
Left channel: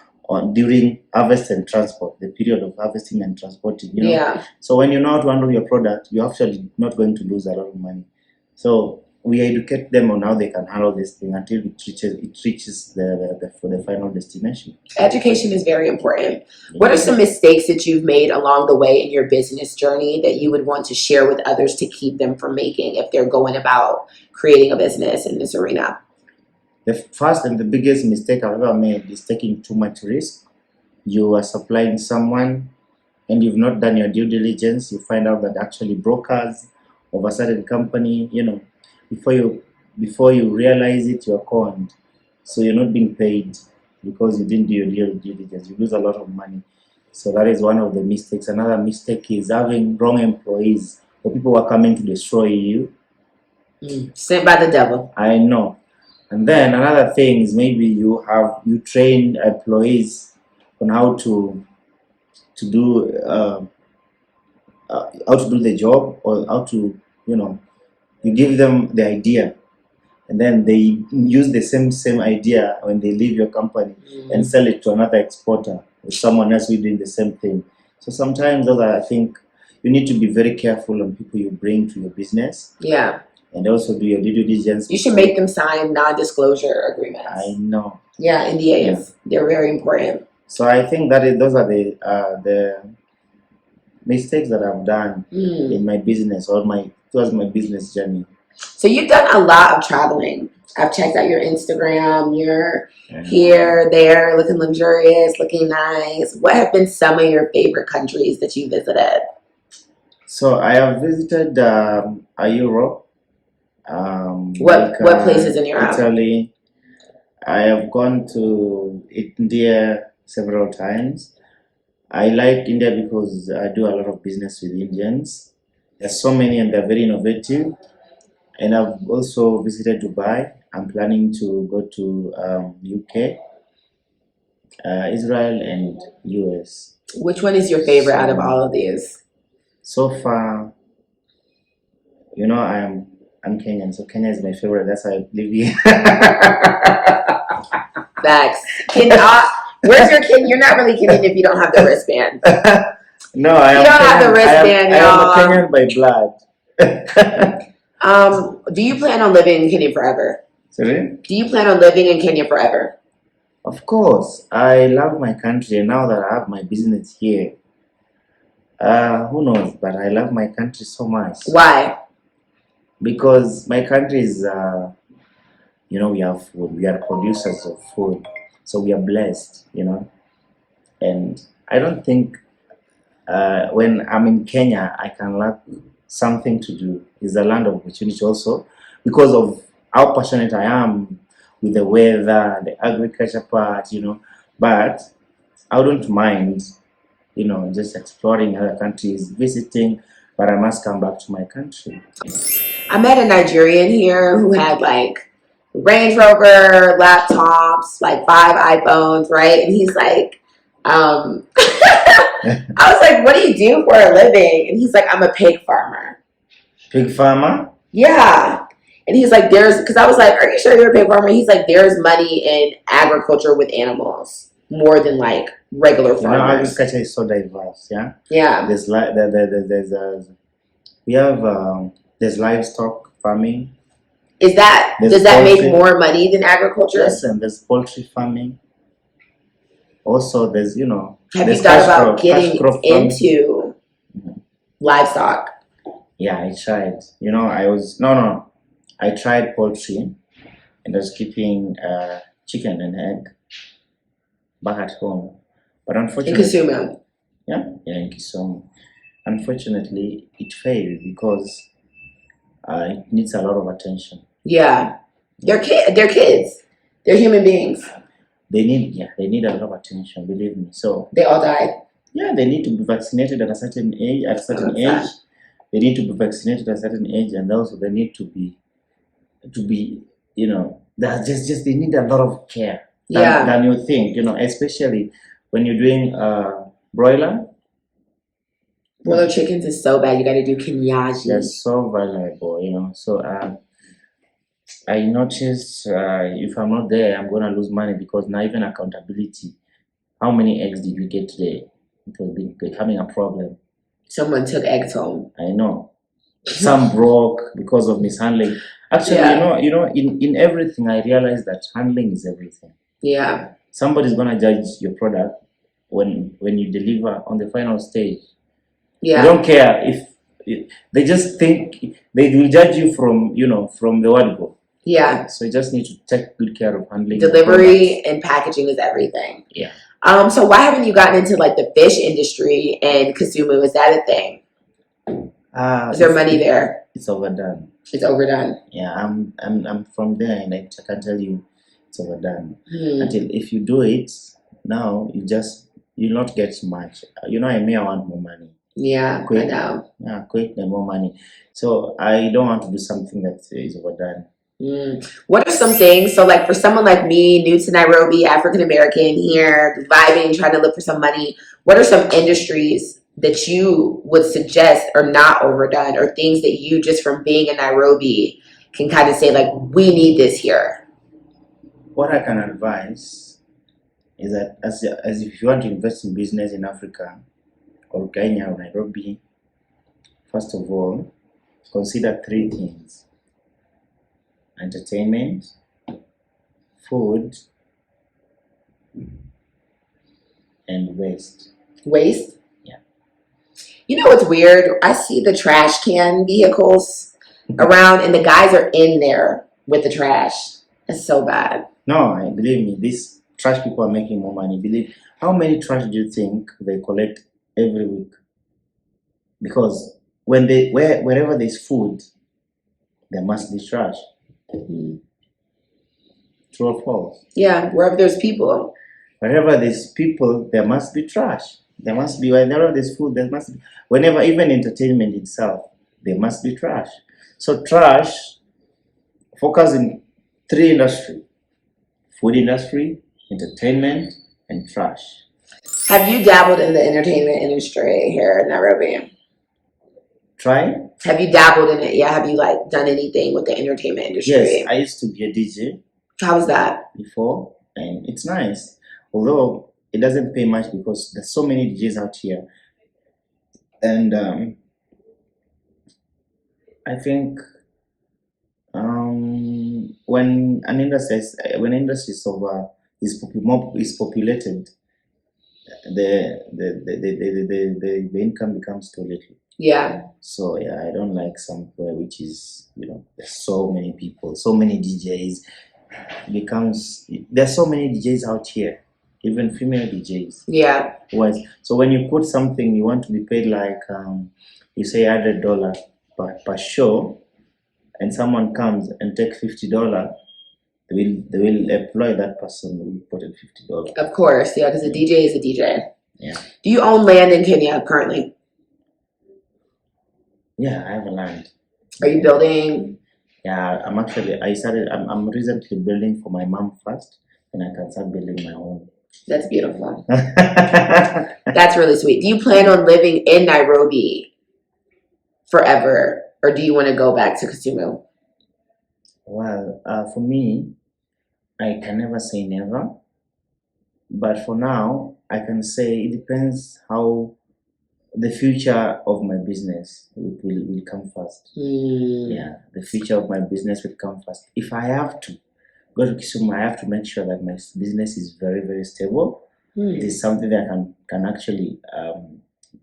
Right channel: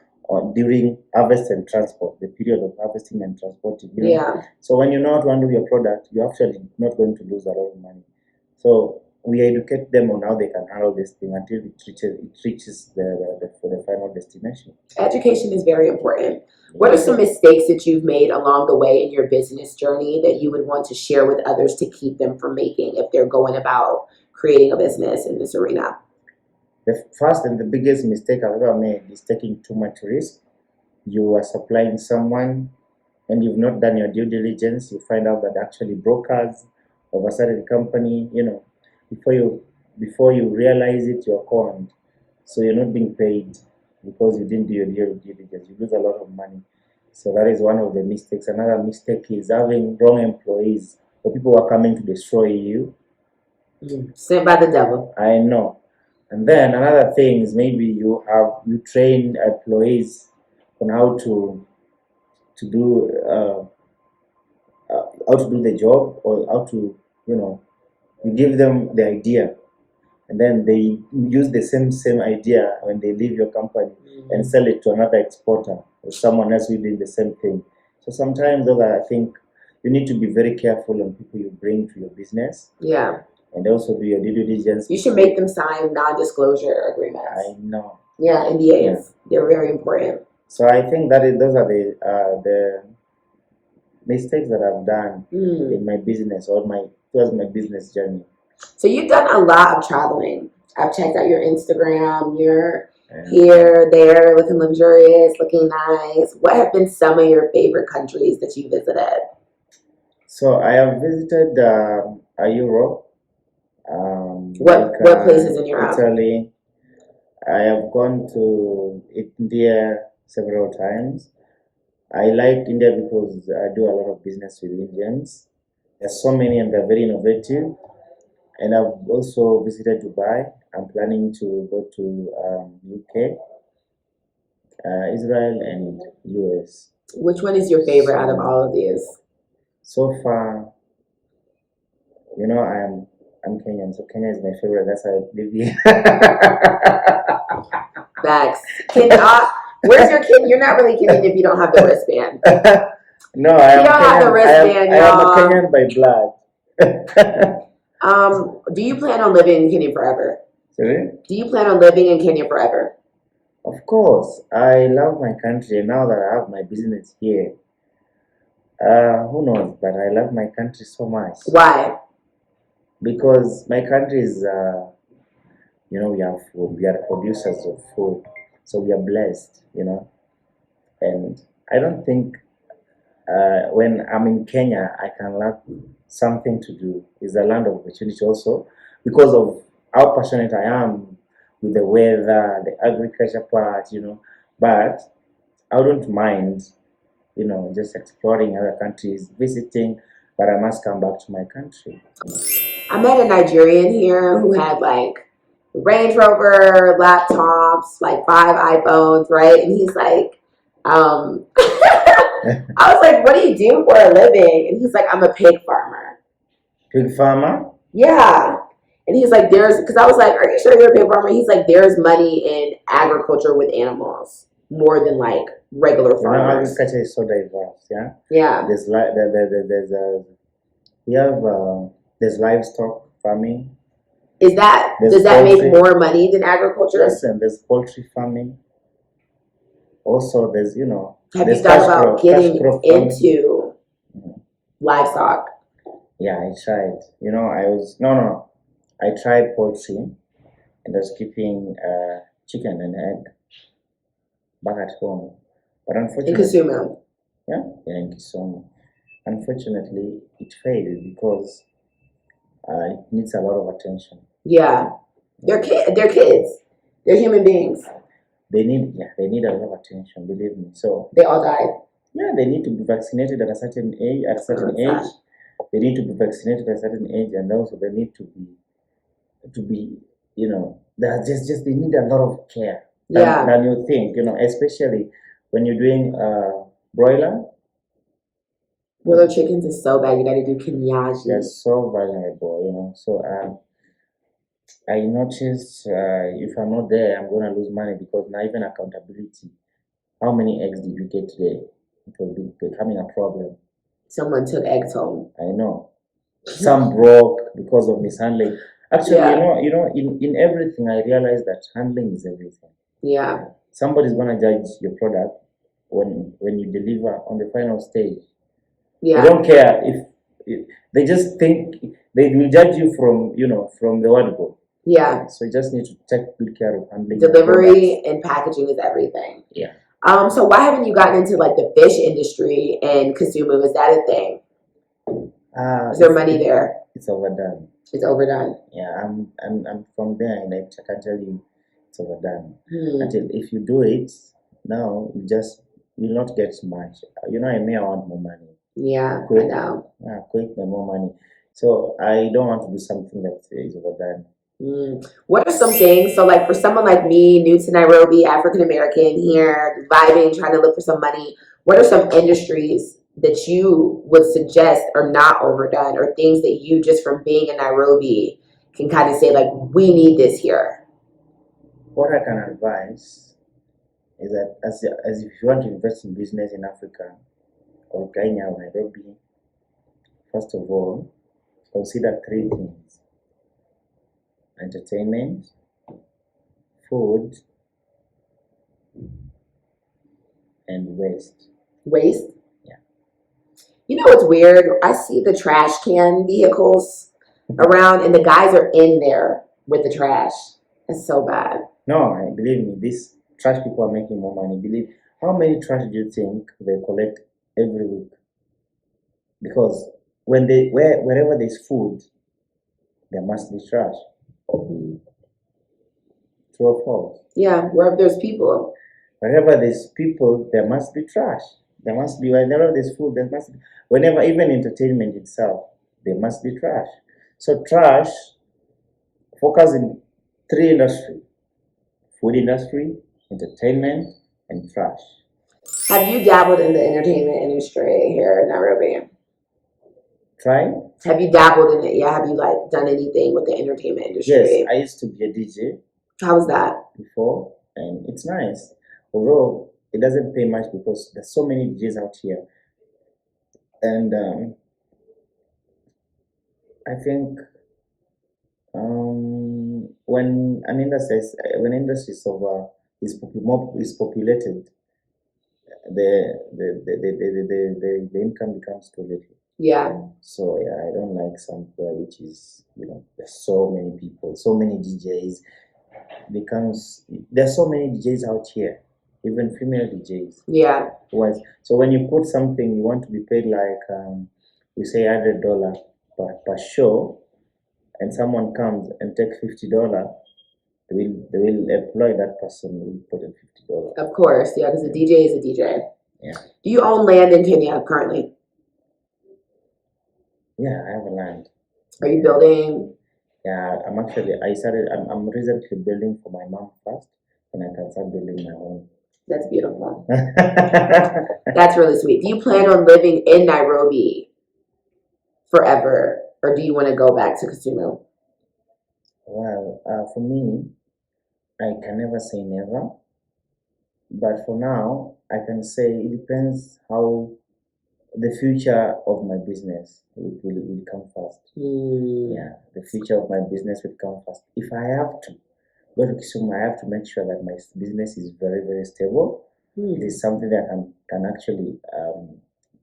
during harvest and transport, the period of harvesting and transporting. You know? Yeah. So when you know how to handle your product, you're actually not going to lose a lot of money. So we educate them on how they can handle this thing until it reaches the final destination. Education is very important. What are some mistakes that you've made along the way in your business journey that you would want to share with others to keep them from making if they're going about creating a business in this arena? The first and the biggest mistake I've ever made is taking too much risk. You are supplying someone and you've not done your due diligence. You find out that actually brokers of a certain company, you know, before you realize it, you're conned. So you're not being paid because you didn't do your due diligence. You lose a lot of money. So that is one of the mistakes. Another mistake is having wrong employees or people who are coming to destroy you. Sent by the devil. I know. And then another thing is maybe you train employees on how to do the job, or how to, you know, you give them the idea and then they use the same idea when they leave your company and sell it to another exporter or someone else who's doing the same thing. So sometimes those are, I think you need to be very careful on people you bring to your business. Yeah. And also do your due diligence. You should make them sign non-disclosure agreements. I know. Yeah, NDAs. They're very important. So I think those are the mistakes that I've done in my business or towards my business journey. So you've done a lot of traveling. I've checked out your Instagram. You're here, there, looking luxurious, looking nice. What have been some of your favorite countries that you visited? So I have visited Europe. What places in Europe? Italy. I have gone to India several times. I like India because I do a lot of business with Indians. There's so many and they're very innovative. And I've also visited Dubai. I'm planning to go to UK, Israel, and US. Which one is your favorite out of all of these? So far, you know, I'm Kenyan, so Kenya is my favorite. That's why I live here. Facts. Where's your Kenyan? You're not really Kenyan if you don't have the wristband. No, I am. You don't have the wristband, y'all. I am a Kenyan by blood. Do you plan on living in Kenya forever? Sorry? Do you plan on living in Kenya forever? Of course. I love my country, and now that I have my business here, who knows? But I love my country so much. Why? Because my country is, you know, we have food. We are producers of food. So we are blessed, you know. And I don't think when I'm in Kenya, I can lack something to do. It's a land of opportunity also because of how passionate I am with the weather, the agriculture part, you know. But I wouldn't mind, you know, just exploring other countries, visiting, but I must come back to my country. I met a Nigerian here who had like Range Rover, laptops, like 5 iPhones, right? And he's like, I was like, what do you do for a living? And he's like, I'm a pig farmer. Pig farmer? Yeah. And he's like, because I was like, are you sure you're a pig farmer? He's like, there's money in agriculture with animals more than like regular farmers. You know, agriculture is so diverse, yeah? Yeah. There's there's livestock farming. Does that make more money than agriculture? Yes, and there's poultry farming. Also, there's, you know, have you thought about getting into livestock? Yeah, I tried. You know, I tried poultry and I was keeping chicken and egg back at home. But unfortunately, in Kisumu. Yeah, in Kisumu. Unfortunately, it failed because it needs a lot of attention. Yeah, they're kids. They're human beings. They need a lot of attention. Believe me. So they all died. Yeah, they need to be vaccinated at a certain age. They need to be vaccinated at a certain age, and also they need to be, you know, they need a lot of care than you think. You know, especially when you're doing broiler, Broiler chickens is so bad. You got to do Kenyaji. they're so vulnerable, you know. So I noticed if I'm not there, I'm gonna lose money because now even accountability. How many eggs did we get today? It was becoming a problem. Someone took eggs home. I know. Some broke because of mishandling. Actually, Yeah. in everything, I realized that handling is everything. Yeah. Somebody's gonna judge your product when you deliver on the final stage. They Yeah. don't care if they just think they will judge you from the word go. Yeah. So you just need to take good care of handling your Delivery and packaging is everything. Yeah. So why haven't you gotten into like the fish industry and Kisumu? Is that a thing? Is there money there? It's overdone. It's overdone. Yeah, I'm from there, and I can tell you, it's overdone. Hmm. Until if you do it now, you'll not get much. I want more money. Yeah, Quick. I know. Yeah, quick and more money. So I don't want to do something that is overdone. What are some things? So, like for someone like me, new to Nairobi, African American here, vibing, trying to look for some money, what are some industries that you would suggest are not overdone, or things that you just from being in Nairobi can kind of say, like, we need this here? What I can advise is that as if you want to invest in business in Africa or Kenya or Nairobi, first of all, consider 3 things: entertainment, food, and waste. Waste? Yeah. You know what's weird? I see the trash can vehicles around, and the guys are in there with the trash. It's so bad. No, believe me, these trash people are making more money. How many trash do you think they collect every week? Because wherever there's food, there must be trash. Mhm. True or false? Yeah, wherever there's people. Wherever there's people, there must be trash. There must be, whenever there's food, there must be. Whenever, even entertainment itself, there must be trash. So trash, focus in 3 industries: food industry, entertainment, and trash. Have you dabbled in the entertainment industry here in Nairobi? Try? Have you dabbled in it? Yeah, have you like done anything with the entertainment industry? Yes, I used to be a DJ How was that? before, and it's nice. Although it doesn't pay much because there's so many DJs out here. And I think when an industry is populated, the income becomes too little. Yeah. So yeah, I don't like somewhere which is there's so many people, so many DJs. There's so many DJs out here, even female DJs. Yeah. So when you put something, you want to be paid like you say $100 per show, and someone comes and takes $50, they will employ that person who put in $50. Of course, yeah, because a DJ is a DJ. Yeah. Do you own land in Kenya currently? Yeah, I have a land. Are you building? Yeah, I'm recently building for my mom first, and I can start building my own. That's beautiful. That's really sweet. Do you plan on living in Nairobi forever, or do you want to go back to Kisumu? Well, for me, I can never say never, but for now, I can say it depends how the future of my business will come first. Yeah, the future of my business will come first. If I have to go to Kisumu, I have to make sure that my business is very, very stable. It is something that can actually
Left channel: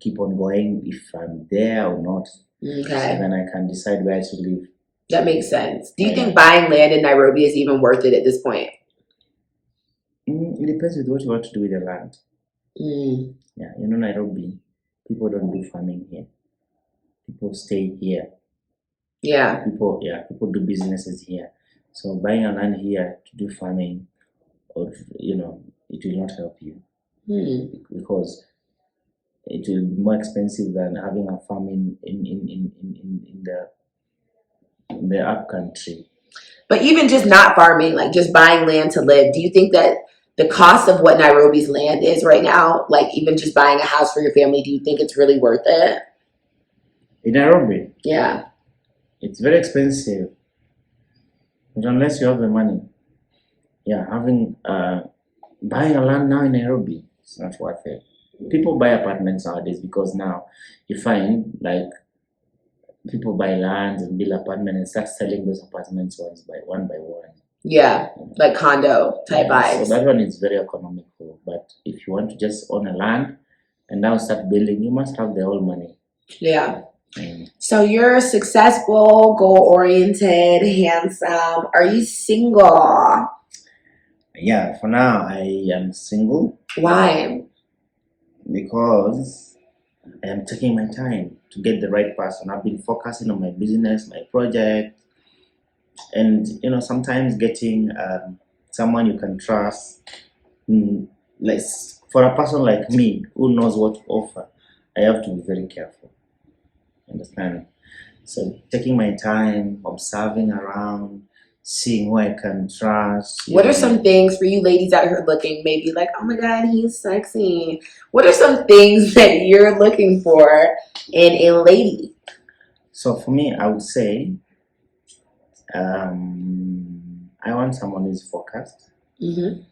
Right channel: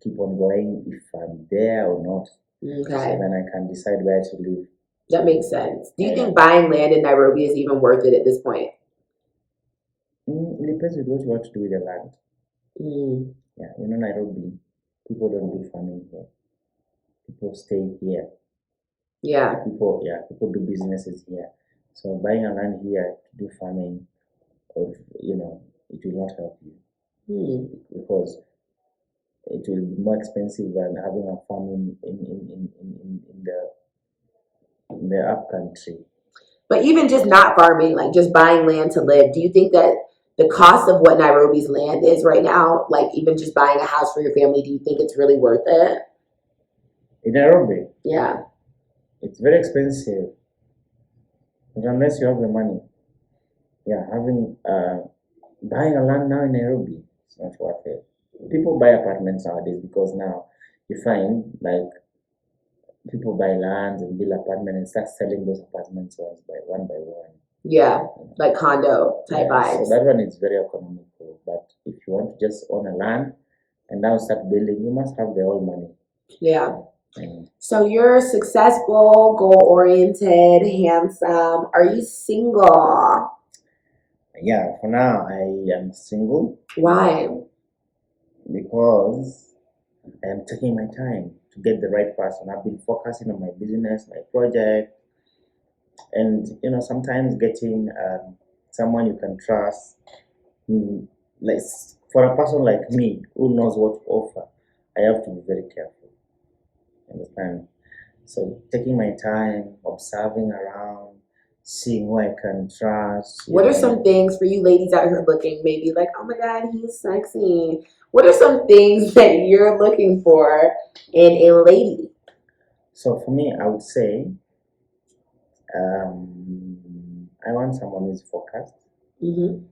keep on going if I'm there or not. Okay. So then I can decide where to live. That makes sense. Do you think buying land in Nairobi is even worth it at this point? It depends with what you want to do with the land. Yeah, Nairobi, people don't do farming here. People stay here. Yeah. People do businesses here. So buying a land here to do farming, or it will not help you because it will be more expensive than having a farm in the up country. But even just not farming, like just buying land to live, do you think that the cost of what Nairobi's land is right now, like even just buying a house for your family, do you think it's really worth it? In Nairobi, Yeah. it's very expensive. But unless you have the money, yeah, buying a land now in Nairobi, it's not worth it. People buy apartments nowadays because now you find like people buy lands and build apartments and start selling those apartments one by one. Yeah, like condo type Yeah, vibes. so that one is very economical. But if you want to just own a land and now start building, you must have the whole money. Yeah. Mm. So you're successful, goal-oriented, handsome. Are you single? Yeah, for now I am single Why? because I am taking my time to get the right person. I've been focusing on my business, my project, and sometimes getting someone you can trust. Like for a person like me who knows what to offer, I have to be very careful. Understand? So taking my time, observing around, seeing who I can trust. What are some things for you ladies out here looking, maybe like, oh my God, he's sexy. What are some things that you're looking for in a lady? So for me, I would say I want someone who's focused,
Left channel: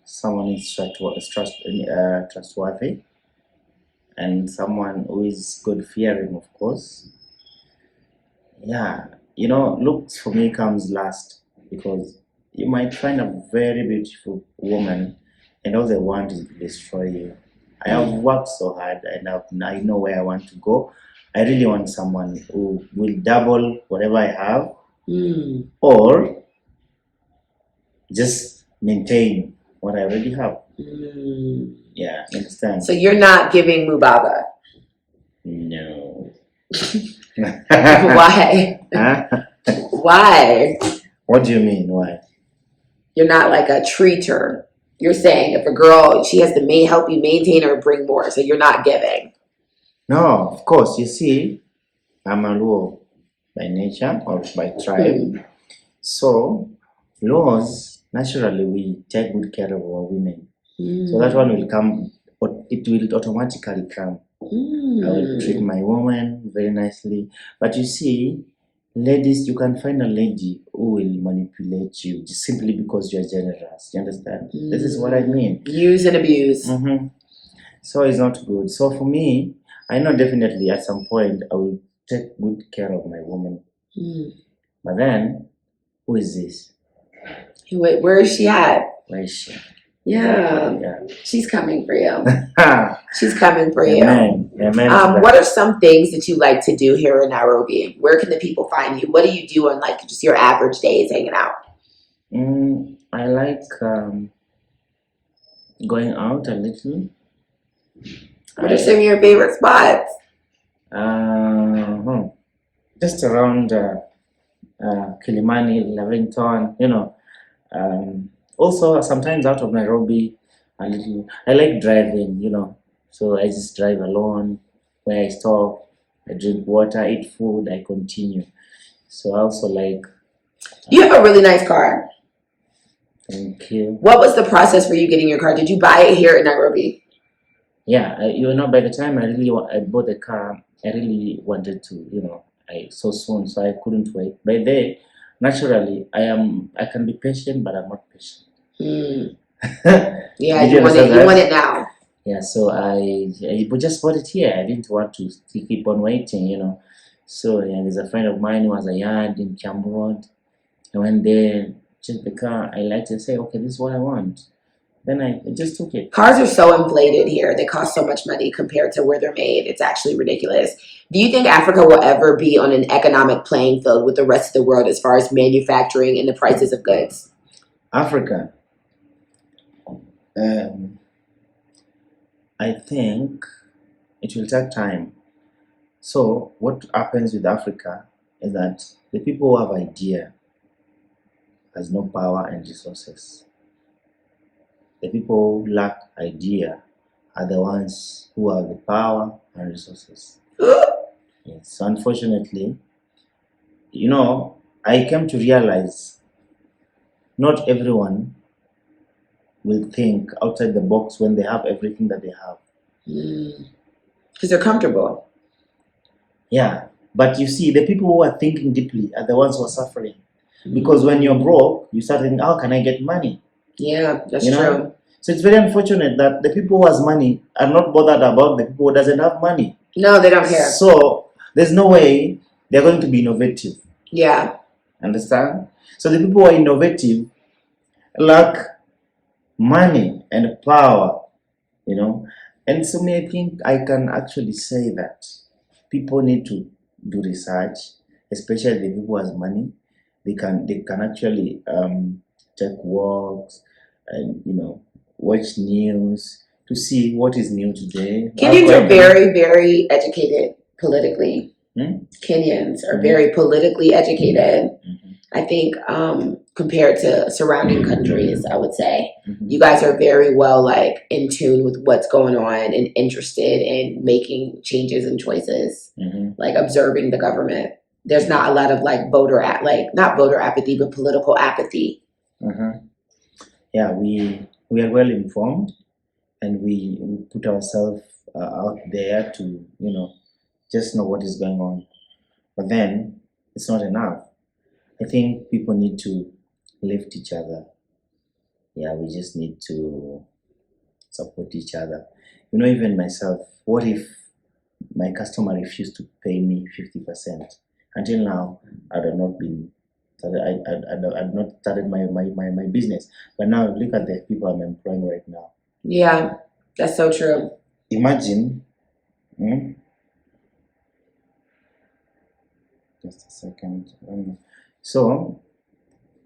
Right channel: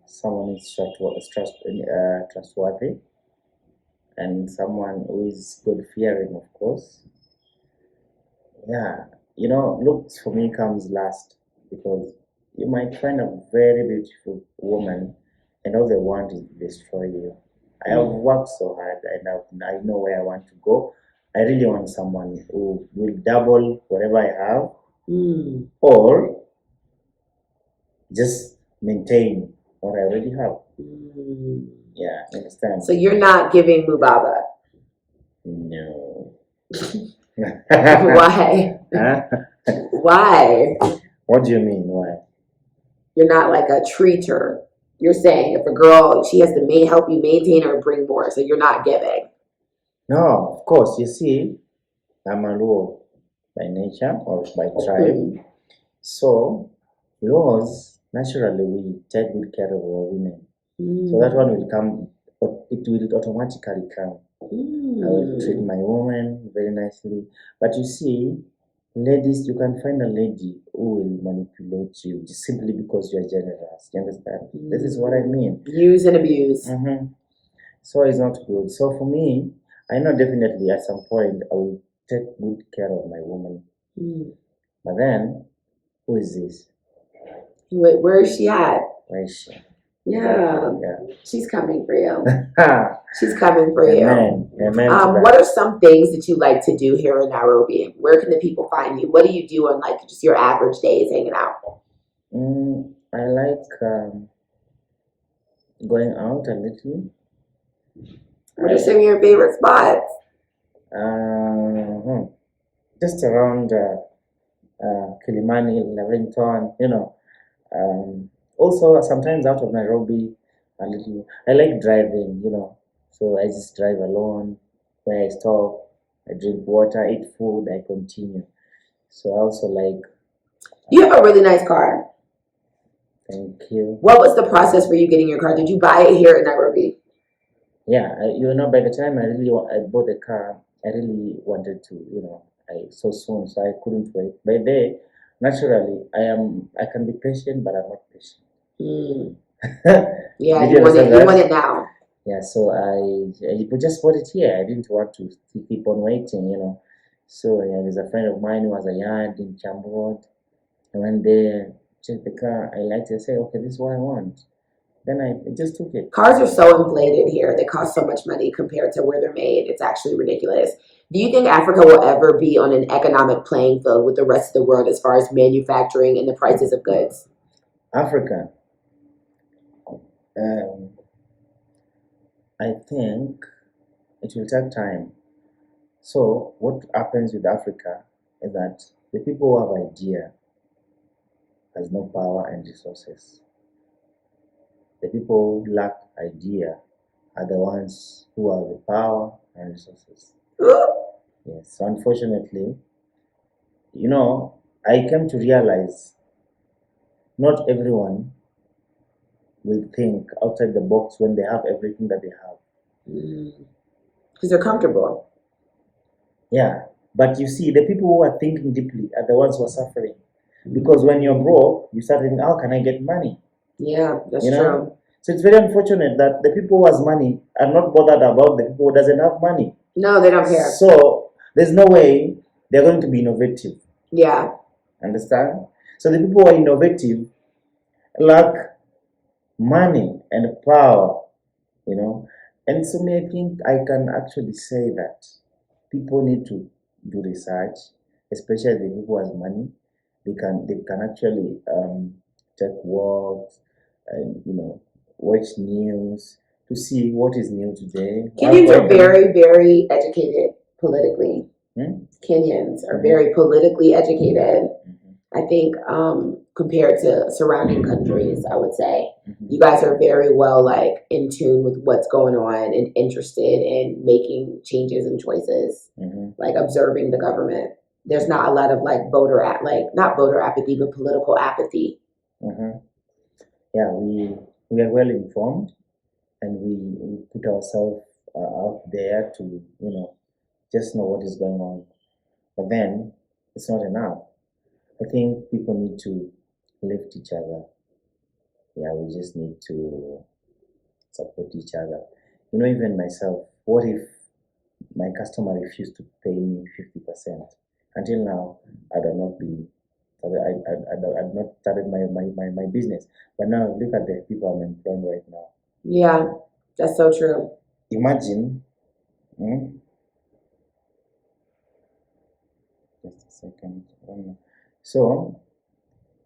someone who's trustworthy, and someone who is good fearing, of course. Yeah, looks for me comes last because you might find a very beautiful woman and all they want is to destroy you. I have worked so hard and I know where I want to go. I really want someone who will double whatever I have or just maintain what I already have. Yeah, understand? So you're not giving Mubaba? No. Why? Huh? Why? What do you mean? Why? You're not like a treater. You're saying if a girl, she has to help you maintain or bring more, so you're not giving. No, of course. You see, I'm a Luo by nature or by tribe. So, Luos, naturally, we take good care of our women. So that one will come, it will automatically come. I will treat my woman very nicely. But you see, ladies, you can find a lady who will manipulate you just simply because you are generous. You understand? This is what I mean. Use and abuse. So it's not good. So for me, I know definitely at some point I will take good care of my woman. But then, who is this? Wait, where is she at? Where is she? Yeah. She's coming for you. She's coming for Amen. you. Amen. What are some things that you like to do here in Nairobi? Where can the people find you? What do you do on like just your average days hanging out? I like going out a little. What are some of your favorite spots? Just around Kilimani, Lavington, also sometimes out of Nairobi a little. I like driving, so I just drive alone. Where I stop, I drink water, eat food, I continue. So I also like. You have a really nice car. Thank you. What was the process for you getting your car? Did you buy it here in Nairobi? Yeah, by the time I bought the car, I really wanted to, so soon, so I couldn't wait. By then, naturally, I can be patient, but I'm not patient. Yeah, you want it now. Yeah, so I just bought it here. I didn't want to keep on waiting, So there's a friend of mine who has a yard in Kiambu Road. I went there, checked the car. I liked it. Say, okay, this is what I want. Then I just took it. Cars are so inflated here. They cost so much money compared to where they're made. It's actually ridiculous. Do you think Africa will ever be on an economic playing field with the rest of the world as far as manufacturing and the prices of goods? Africa. I think it will take time. So what happens with Africa is that the people who have idea has no power and resources. The people who lack idea are the ones who have the power and resources. Yes. So unfortunately, I came to realize not everyone will think outside the box when they have everything that they have. Because they're comfortable. Yeah. But you see, the people who are thinking deeply are the ones who are suffering. Because when you're broke, you start thinking, how can I get money? Yeah, that's You know? true. So it's very unfortunate that the people who has money are not bothered about the people who doesn't have money. No, they don't care. So there's no way they're going to be innovative. Yeah. Understand? So the people who are innovative lack money and power, you know. And so I think I can actually say that people need to do research, especially the people who has money. They can actually take walks and watch news to see what is new today. Kenyans are very, very educated politically. Kenyans are very politically educated. I think compared to surrounding countries, I would say you guys are very well like in tune with what's going on and interested in making changes and choices, like observing the government. There's not a lot of like not voter apathy, but political apathy. Yeah, we are well informed, and we put ourselves out there to just know what is going on. But then it's not enough. I think people need to lift each other. Yeah, we just need to support each other. Even myself, what if my customer refused to pay me 50%? Until now, I had not been I'd not started my business. But now look at the people I'm employing right now. Yeah, that's so true. Imagine, just a second. So,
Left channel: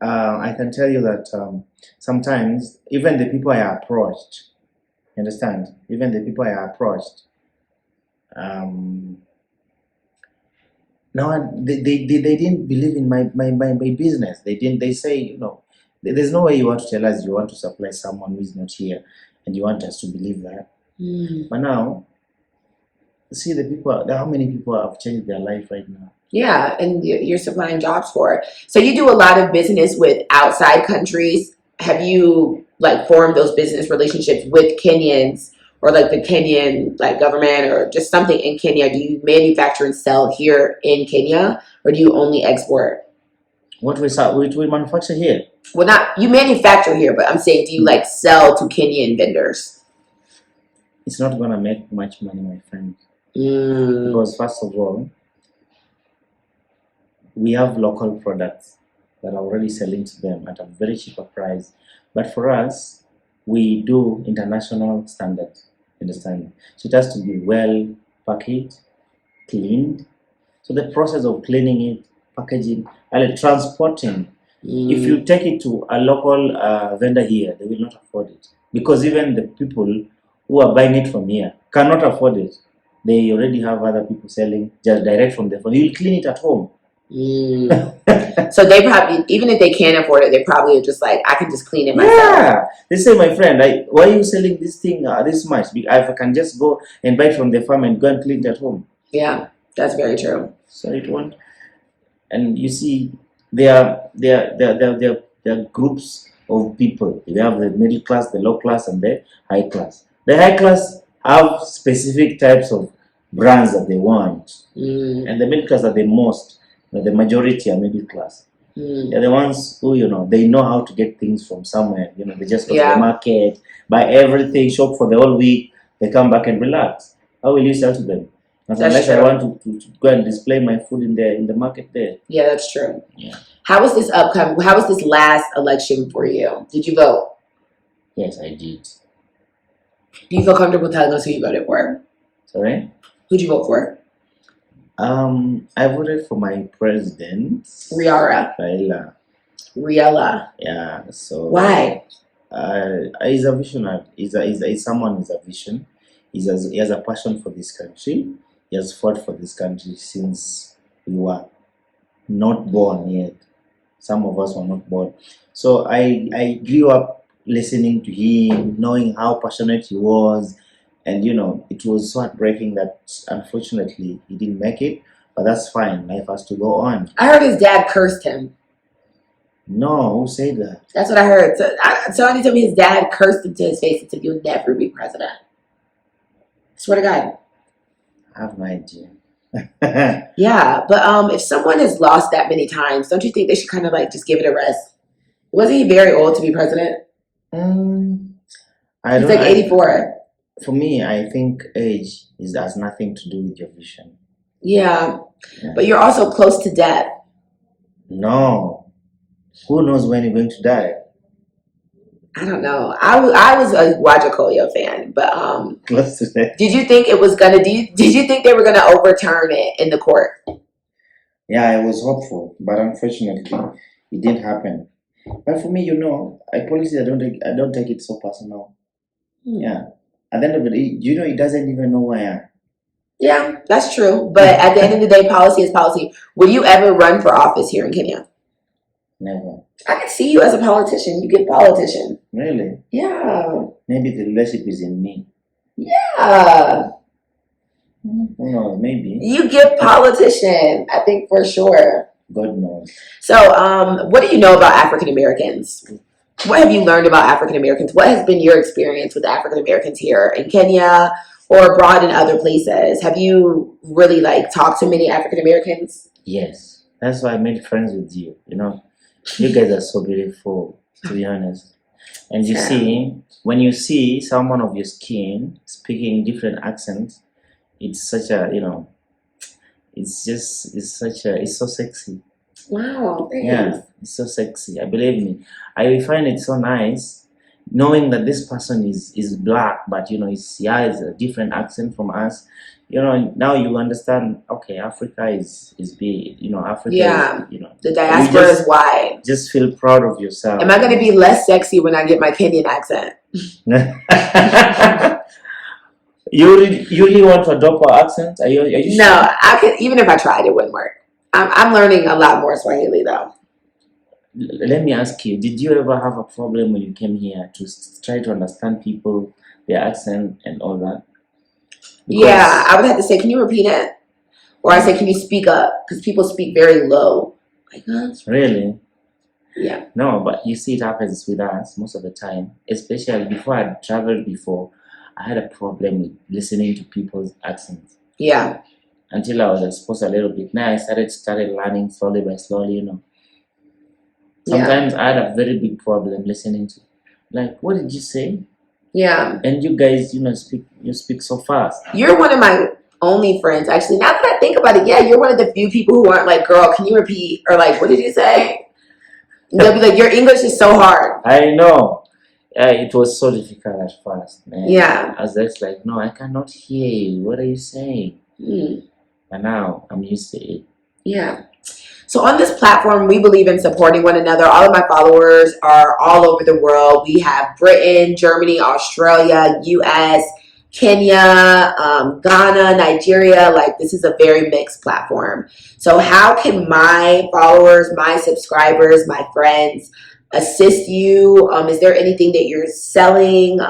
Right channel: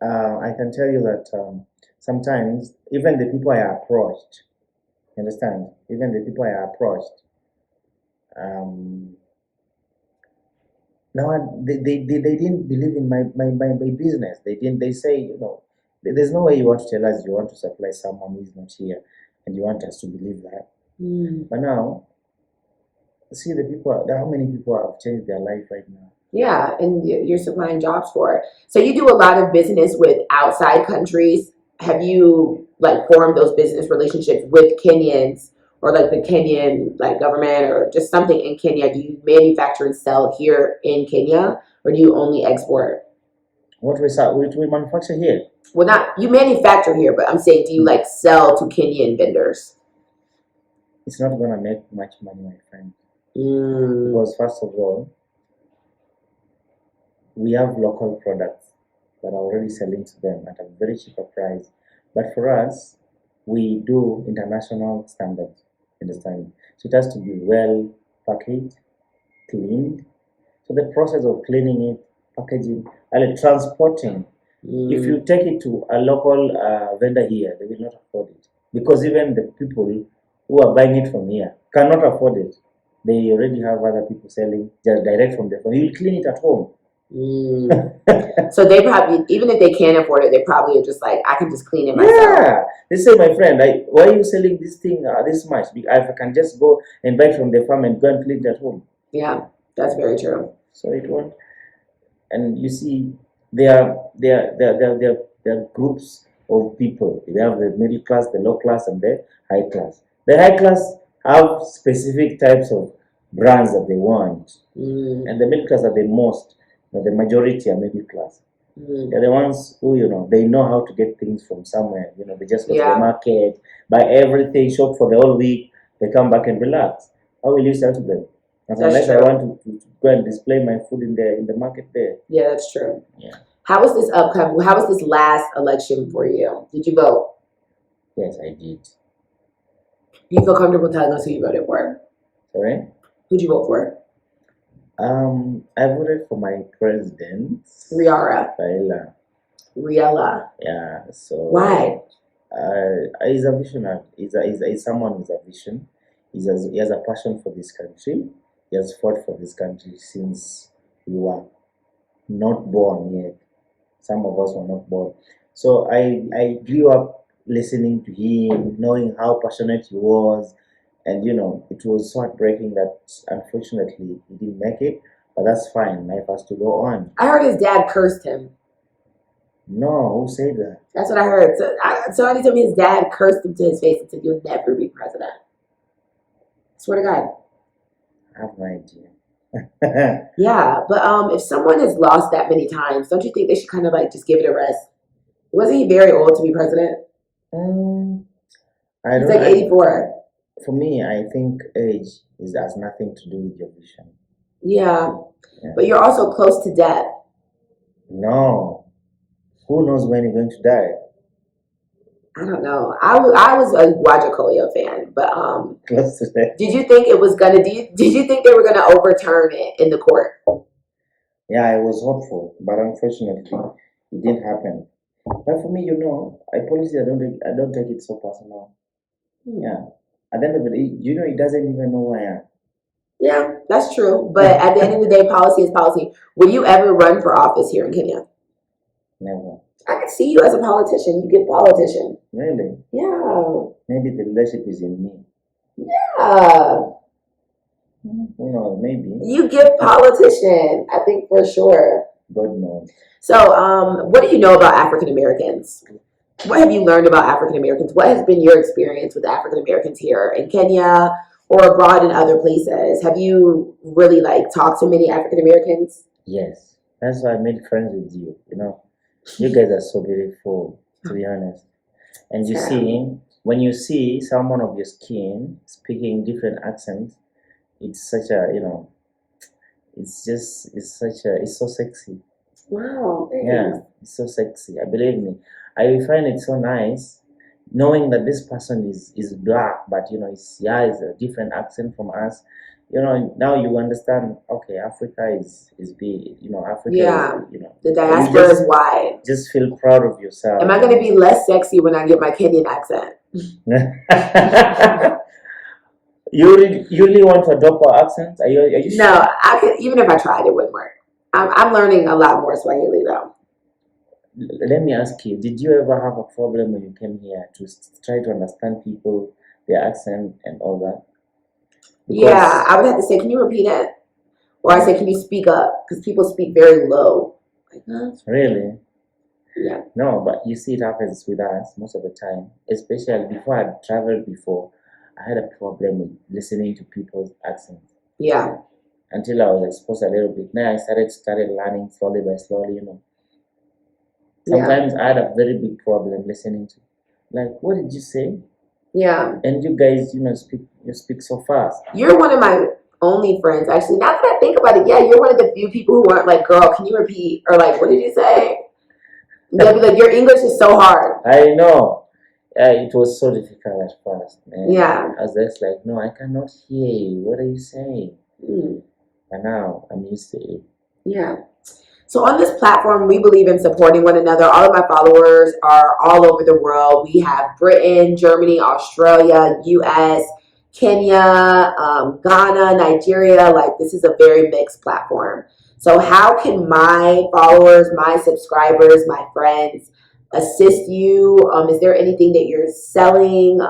I can tell you that sometimes even the people I approached, understand? Even the people I approached, now they didn't believe in my business. They say, there's no way you want to tell us you want to supply someone who is not here and you want us to believe that. But now, see how many people have changed their life right now. Yeah, and you're supplying jobs for it. So you do a lot of business with outside countries. Have you like formed those business relationships with Kenyans or like the Kenyan like government or just something in Kenya? Do you manufacture and sell here in Kenya, or do you only export? What we manufacture here? Well, not you manufacture here, but I'm saying, do you like sell to Kenyan vendors? It's not gonna make much money, my friend. Because first of all, we have local products that are already selling to them at a very cheaper price. But for us, we do international standards, understand? So it has to be well packaged, cleaned. So the process of cleaning it, packaging, and transporting, if you take it to a local vendor here, they will not afford it. Because even the people who are buying it from here cannot afford it. They already have other people selling just direct from their phone. You will clean it at home. So they probably, even if they can't afford it, they probably are just like, I can just clean it myself. Yeah, they say, my friend, why are you selling this thing this much? I can just go and buy it from the farm and go and clean it at home. Yeah, that's very true. So it won't. And you see, there are groups of people. We have the middle class, the low class, and the high class. The high class have specific types of brands that they want, and the middle class are the most. The majority are middle class. They're the ones who, they know how to get things from somewhere. They just go to the market, buy everything, shop for the whole week. They come back and relax. How will you sell to them? Unless I want to go and display my food in the market there. Yeah, that's true. Yeah. How was this last election for you? Did you vote? Yes, I did. Do you feel comfortable telling us who you voted for? Sorry? Who'd you vote for? I voted for my president. Riella. Yeah. So why? He's a visionary. He's someone who's a vision. He has a passion for this country. He has fought for this country since we were not born yet. Some of us were not born. So I grew up listening to him, knowing how passionate he was. And, it was so heartbreaking that, unfortunately, he didn't make it. But that's fine. Life has to go on. I heard his dad cursed him. No, who said that? That's what I heard. Somebody told me his dad cursed him to his face and said, "You'll never be president." Swear to God. I have no idea. Yeah, but if someone has lost that many times, don't you think they should kind of like just give it a rest? Wasn't he very old to be president? I He's don't. like 84. For me, I think age has nothing to do with your vision. Yeah, Yeah. but you're also close to death. No, who knows when you're going to die? I don't know. I was a Wajakoya fan, but Close to death. did you think it was gonna? Did you think they were gonna overturn it in the court? Yeah, I was hopeful, but unfortunately, it didn't happen. But for me, politics, I don't take it so personal. Yeah. At the end of the day, it doesn't even know who I am. Yeah, that's true. But at the end of the day, policy is policy. Will you ever run for office here in Kenya? Never. I can see you as a politician. You get politician. Really? Yeah. Maybe the leadership is in me. Yeah. Who knows? Maybe. You get politician, I think for sure. God knows. So, what do you know about African Americans? What have you learned about African Americans? What has been your experience with African Americans here in Kenya or abroad in other places? Have you really talked to many African Americans? Yes. That's why I made friends with you. You guys are so beautiful, to be honest. And you see, when you see someone of your skin speaking different accents, it's such a, it's so sexy. Wow, thanks. Yeah, it's so sexy. Believe me, I find it so nice knowing that this person is black, but he has a different accent from us. Now you understand. Okay, Africa is big. Africa. Yeah, is, the diaspora is wide. Just feel proud of yourself. Am I going to be less sexy when I get my Kenyan accent? You really want to adopt our accent? Are you No, sure? I could. Even if I tried, it wouldn't work. I'm learning a lot more Swahili though. Let me ask you: did you ever have a problem when you came here to try to understand people, their accent, and all that? Yeah, I would have to say, can you repeat it? Or I say, can you speak up? Because people speak very low. Really? Yeah. No, but you see, it happens with us most of the time. Especially before I traveled before, I had a problem with listening to people's accents. Yeah. Until I was exposed a little bit. Now I started learning slowly by slowly. Sometimes I had a very big problem listening to, what did you say? Yeah. And you guys, speak so fast. You're one of my only friends, actually. Now that I think about it, yeah, you're one of the few people who aren't like, girl, can you repeat? Or what did you say? They'll be like, your English is so hard. I know. It was so difficult at first, man. Yeah. I was just like, no, I cannot hear you. What are you saying? But now I'm used to it. Yeah. So on this platform, we believe in supporting one another. All of my followers are all over the world. We have Britain, Germany, Australia, US, Kenya, Ghana, Nigeria. This is a very mixed platform. So how can my followers, my subscribers, my friends assist you? Is there anything that you're selling,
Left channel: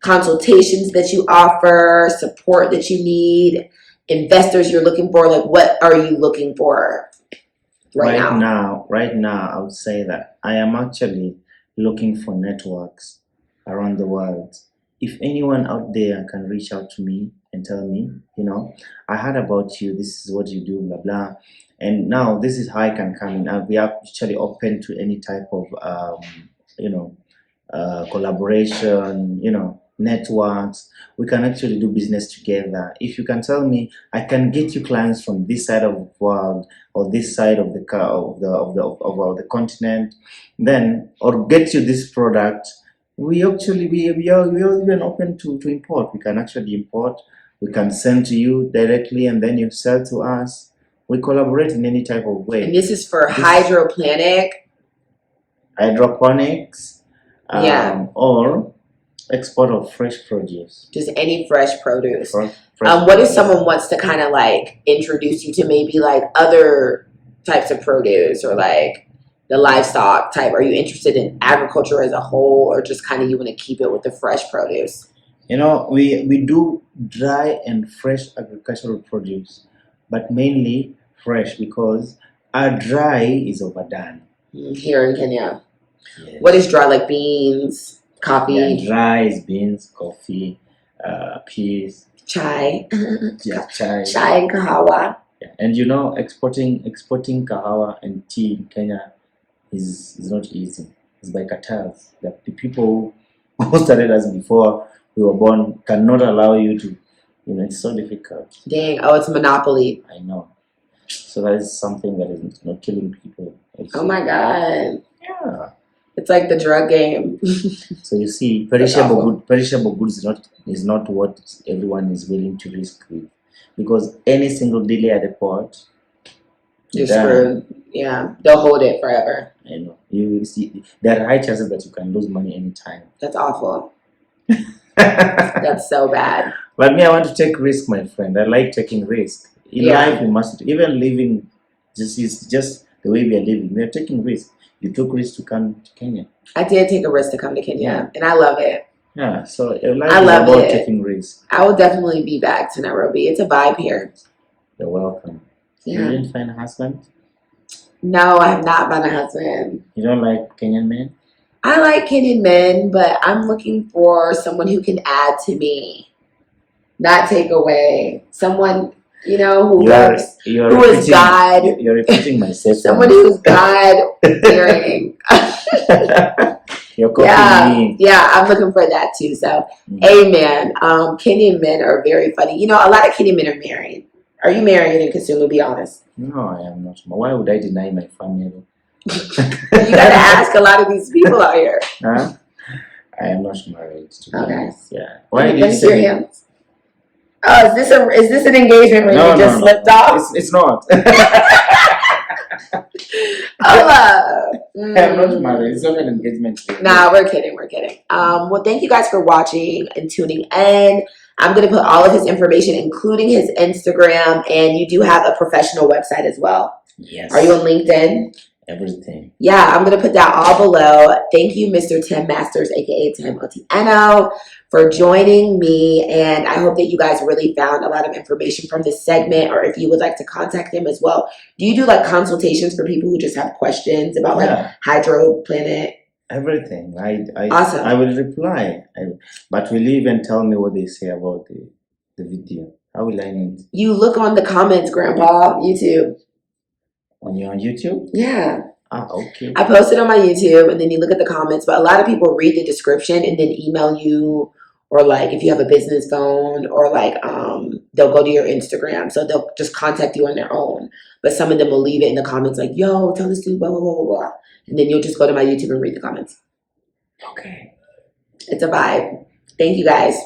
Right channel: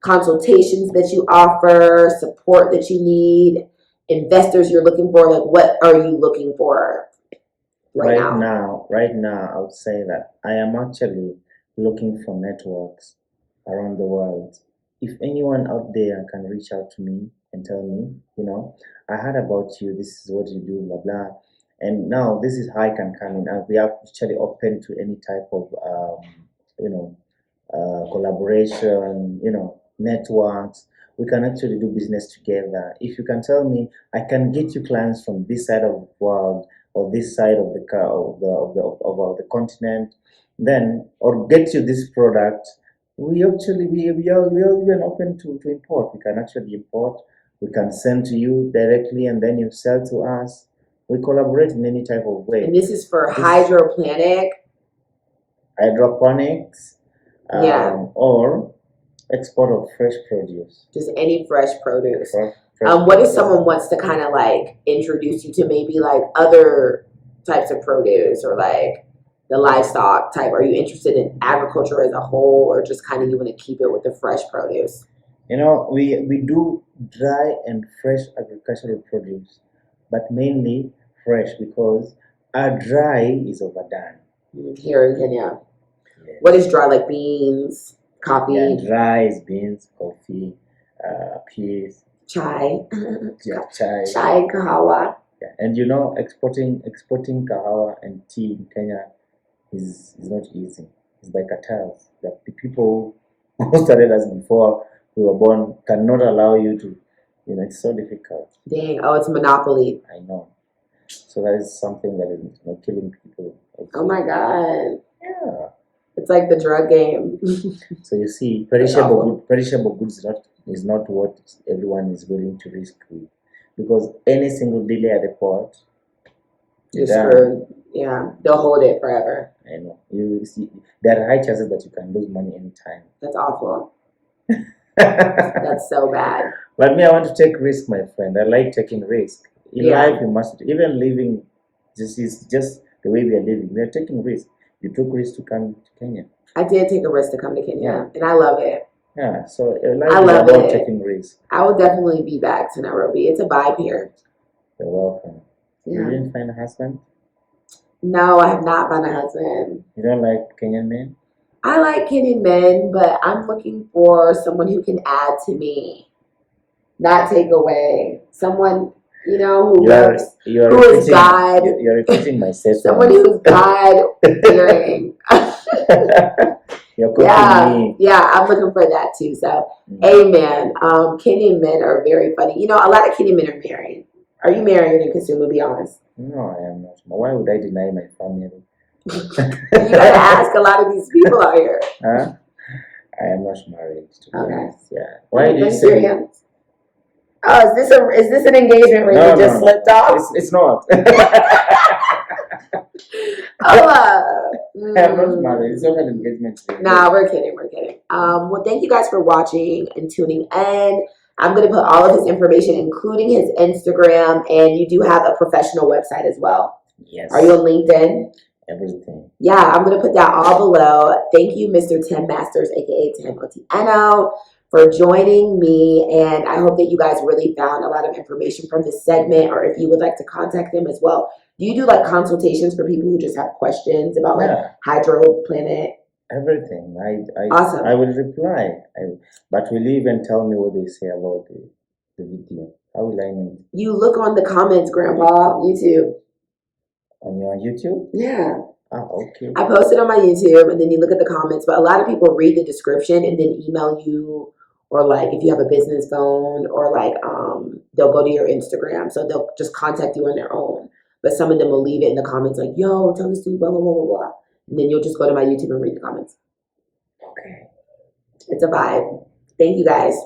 consultations that you offer, support that you need, investors you're looking for? What are you looking for right now? Right now, I would say that I am actually looking for networks around the world. If anyone out there can reach out to me and tell me, I heard about you, this is what you do, blah, blah. And now this is how I can come in. We are actually open to any type of, collaboration, networks. We can actually do business together. If you can tell me, I can get you clients from this side of the world or this side of the continent, then or get you this product. We are even open to import. We can actually import. We can send to you directly, and then you sell to us. We collaborate in any type of way. And this is for hydroponics, or export of fresh produce. Just any fresh produce. Fresh what if someone wants to kind of introduce you to maybe other types of produce or the livestock type? Are you interested in agriculture as a whole, or just kind of you want to keep it with the fresh produce? We do dry and fresh agricultural produce, but mainly fresh because our dry is overdone. Here in Kenya. Yes. What is dry? Like beans, coffee, Yeah, rice, beans, coffee, peas, chai, yeah, chai. chai and kahawa. Yeah. And you know, exporting kahawa and tea in Kenya is not easy. It's by cartels. That the people who started us before we were born cannot allow you to. You know, it's so difficult. Dang. Oh, it's monopoly. I know. So that is something that is not killing people. Also. Oh my God. Yeah. It's like the drug game. So you see, awful. perishable goods is not what everyone is willing to risk with, because any single delay at the port, You're done. screwed. Yeah. They'll hold it forever. I know. You see, there are high chances that you can lose money anytime. That's awful. That's so bad. But me, I want to take risk, my friend. I like taking risk. In Yeah. life, you must even living. Is just the way we are living. We are taking risk. You took risk to come to Kenya. I did take a risk to come to Kenya, Yeah. and I love it. Yeah. So life I is love about it. taking risk. I will definitely be back to Nairobi. It's a vibe here. You're welcome. Yeah. You didn't find a husband? No, I have not found a husband. You don't like Kenyan men? I like Kenyan men, but I'm looking for someone who can add to me, not take away. Someone, you know, who loves, who is God. You're repeating myself. Someone who's God fearing. You're copying me. Yeah, I'm looking for that too. So, Mm. amen. Kenyan men are very funny. You know, a lot of Kenyan men are married. Are you married in Kisumu? Be honest. No, I am not. Why would I deny my family? You gotta ask a lot of these people out here. Huh? I am not married. To be Okay. honest. Yeah. Why did you Let me see say? your hands. Oh, is this an engagement ring you just slipped off? It's not. Oh, I'm not married. It's not an engagement ring. Nah, we're kidding. We're kidding. Well, thank you guys for watching and tuning in. I'm going to put all of his information, including his Instagram, and you do have a professional website as well. Yes. Are you on LinkedIn? Everything. Yeah, I'm going to put that all below. Thank you, Mr. Tim Masters, aka Tim Otieno, for joining me. And I hope that you guys really found a lot of information from this segment, or if you would like to contact him as well. Do you do like consultations for people who just have questions about like hydroplanet? Everything. Awesome. I will reply. But will you even tell me what they say about the video? How will I need? You look on the comments, Grandpa, YouTube. On your YouTube? Yeah. Ah, okay. I posted on my YouTube, and then you look at the comments, but a lot of people read the description and then email you, or like if you have a business phone, or like they'll go to your Instagram, so they'll just contact you on their own. But some of them will leave it in the comments like, yo, tell this dude blah blah blah blah blah. And then you'll just go to my YouTube and read the comments. Okay. It's a vibe. Thank you guys.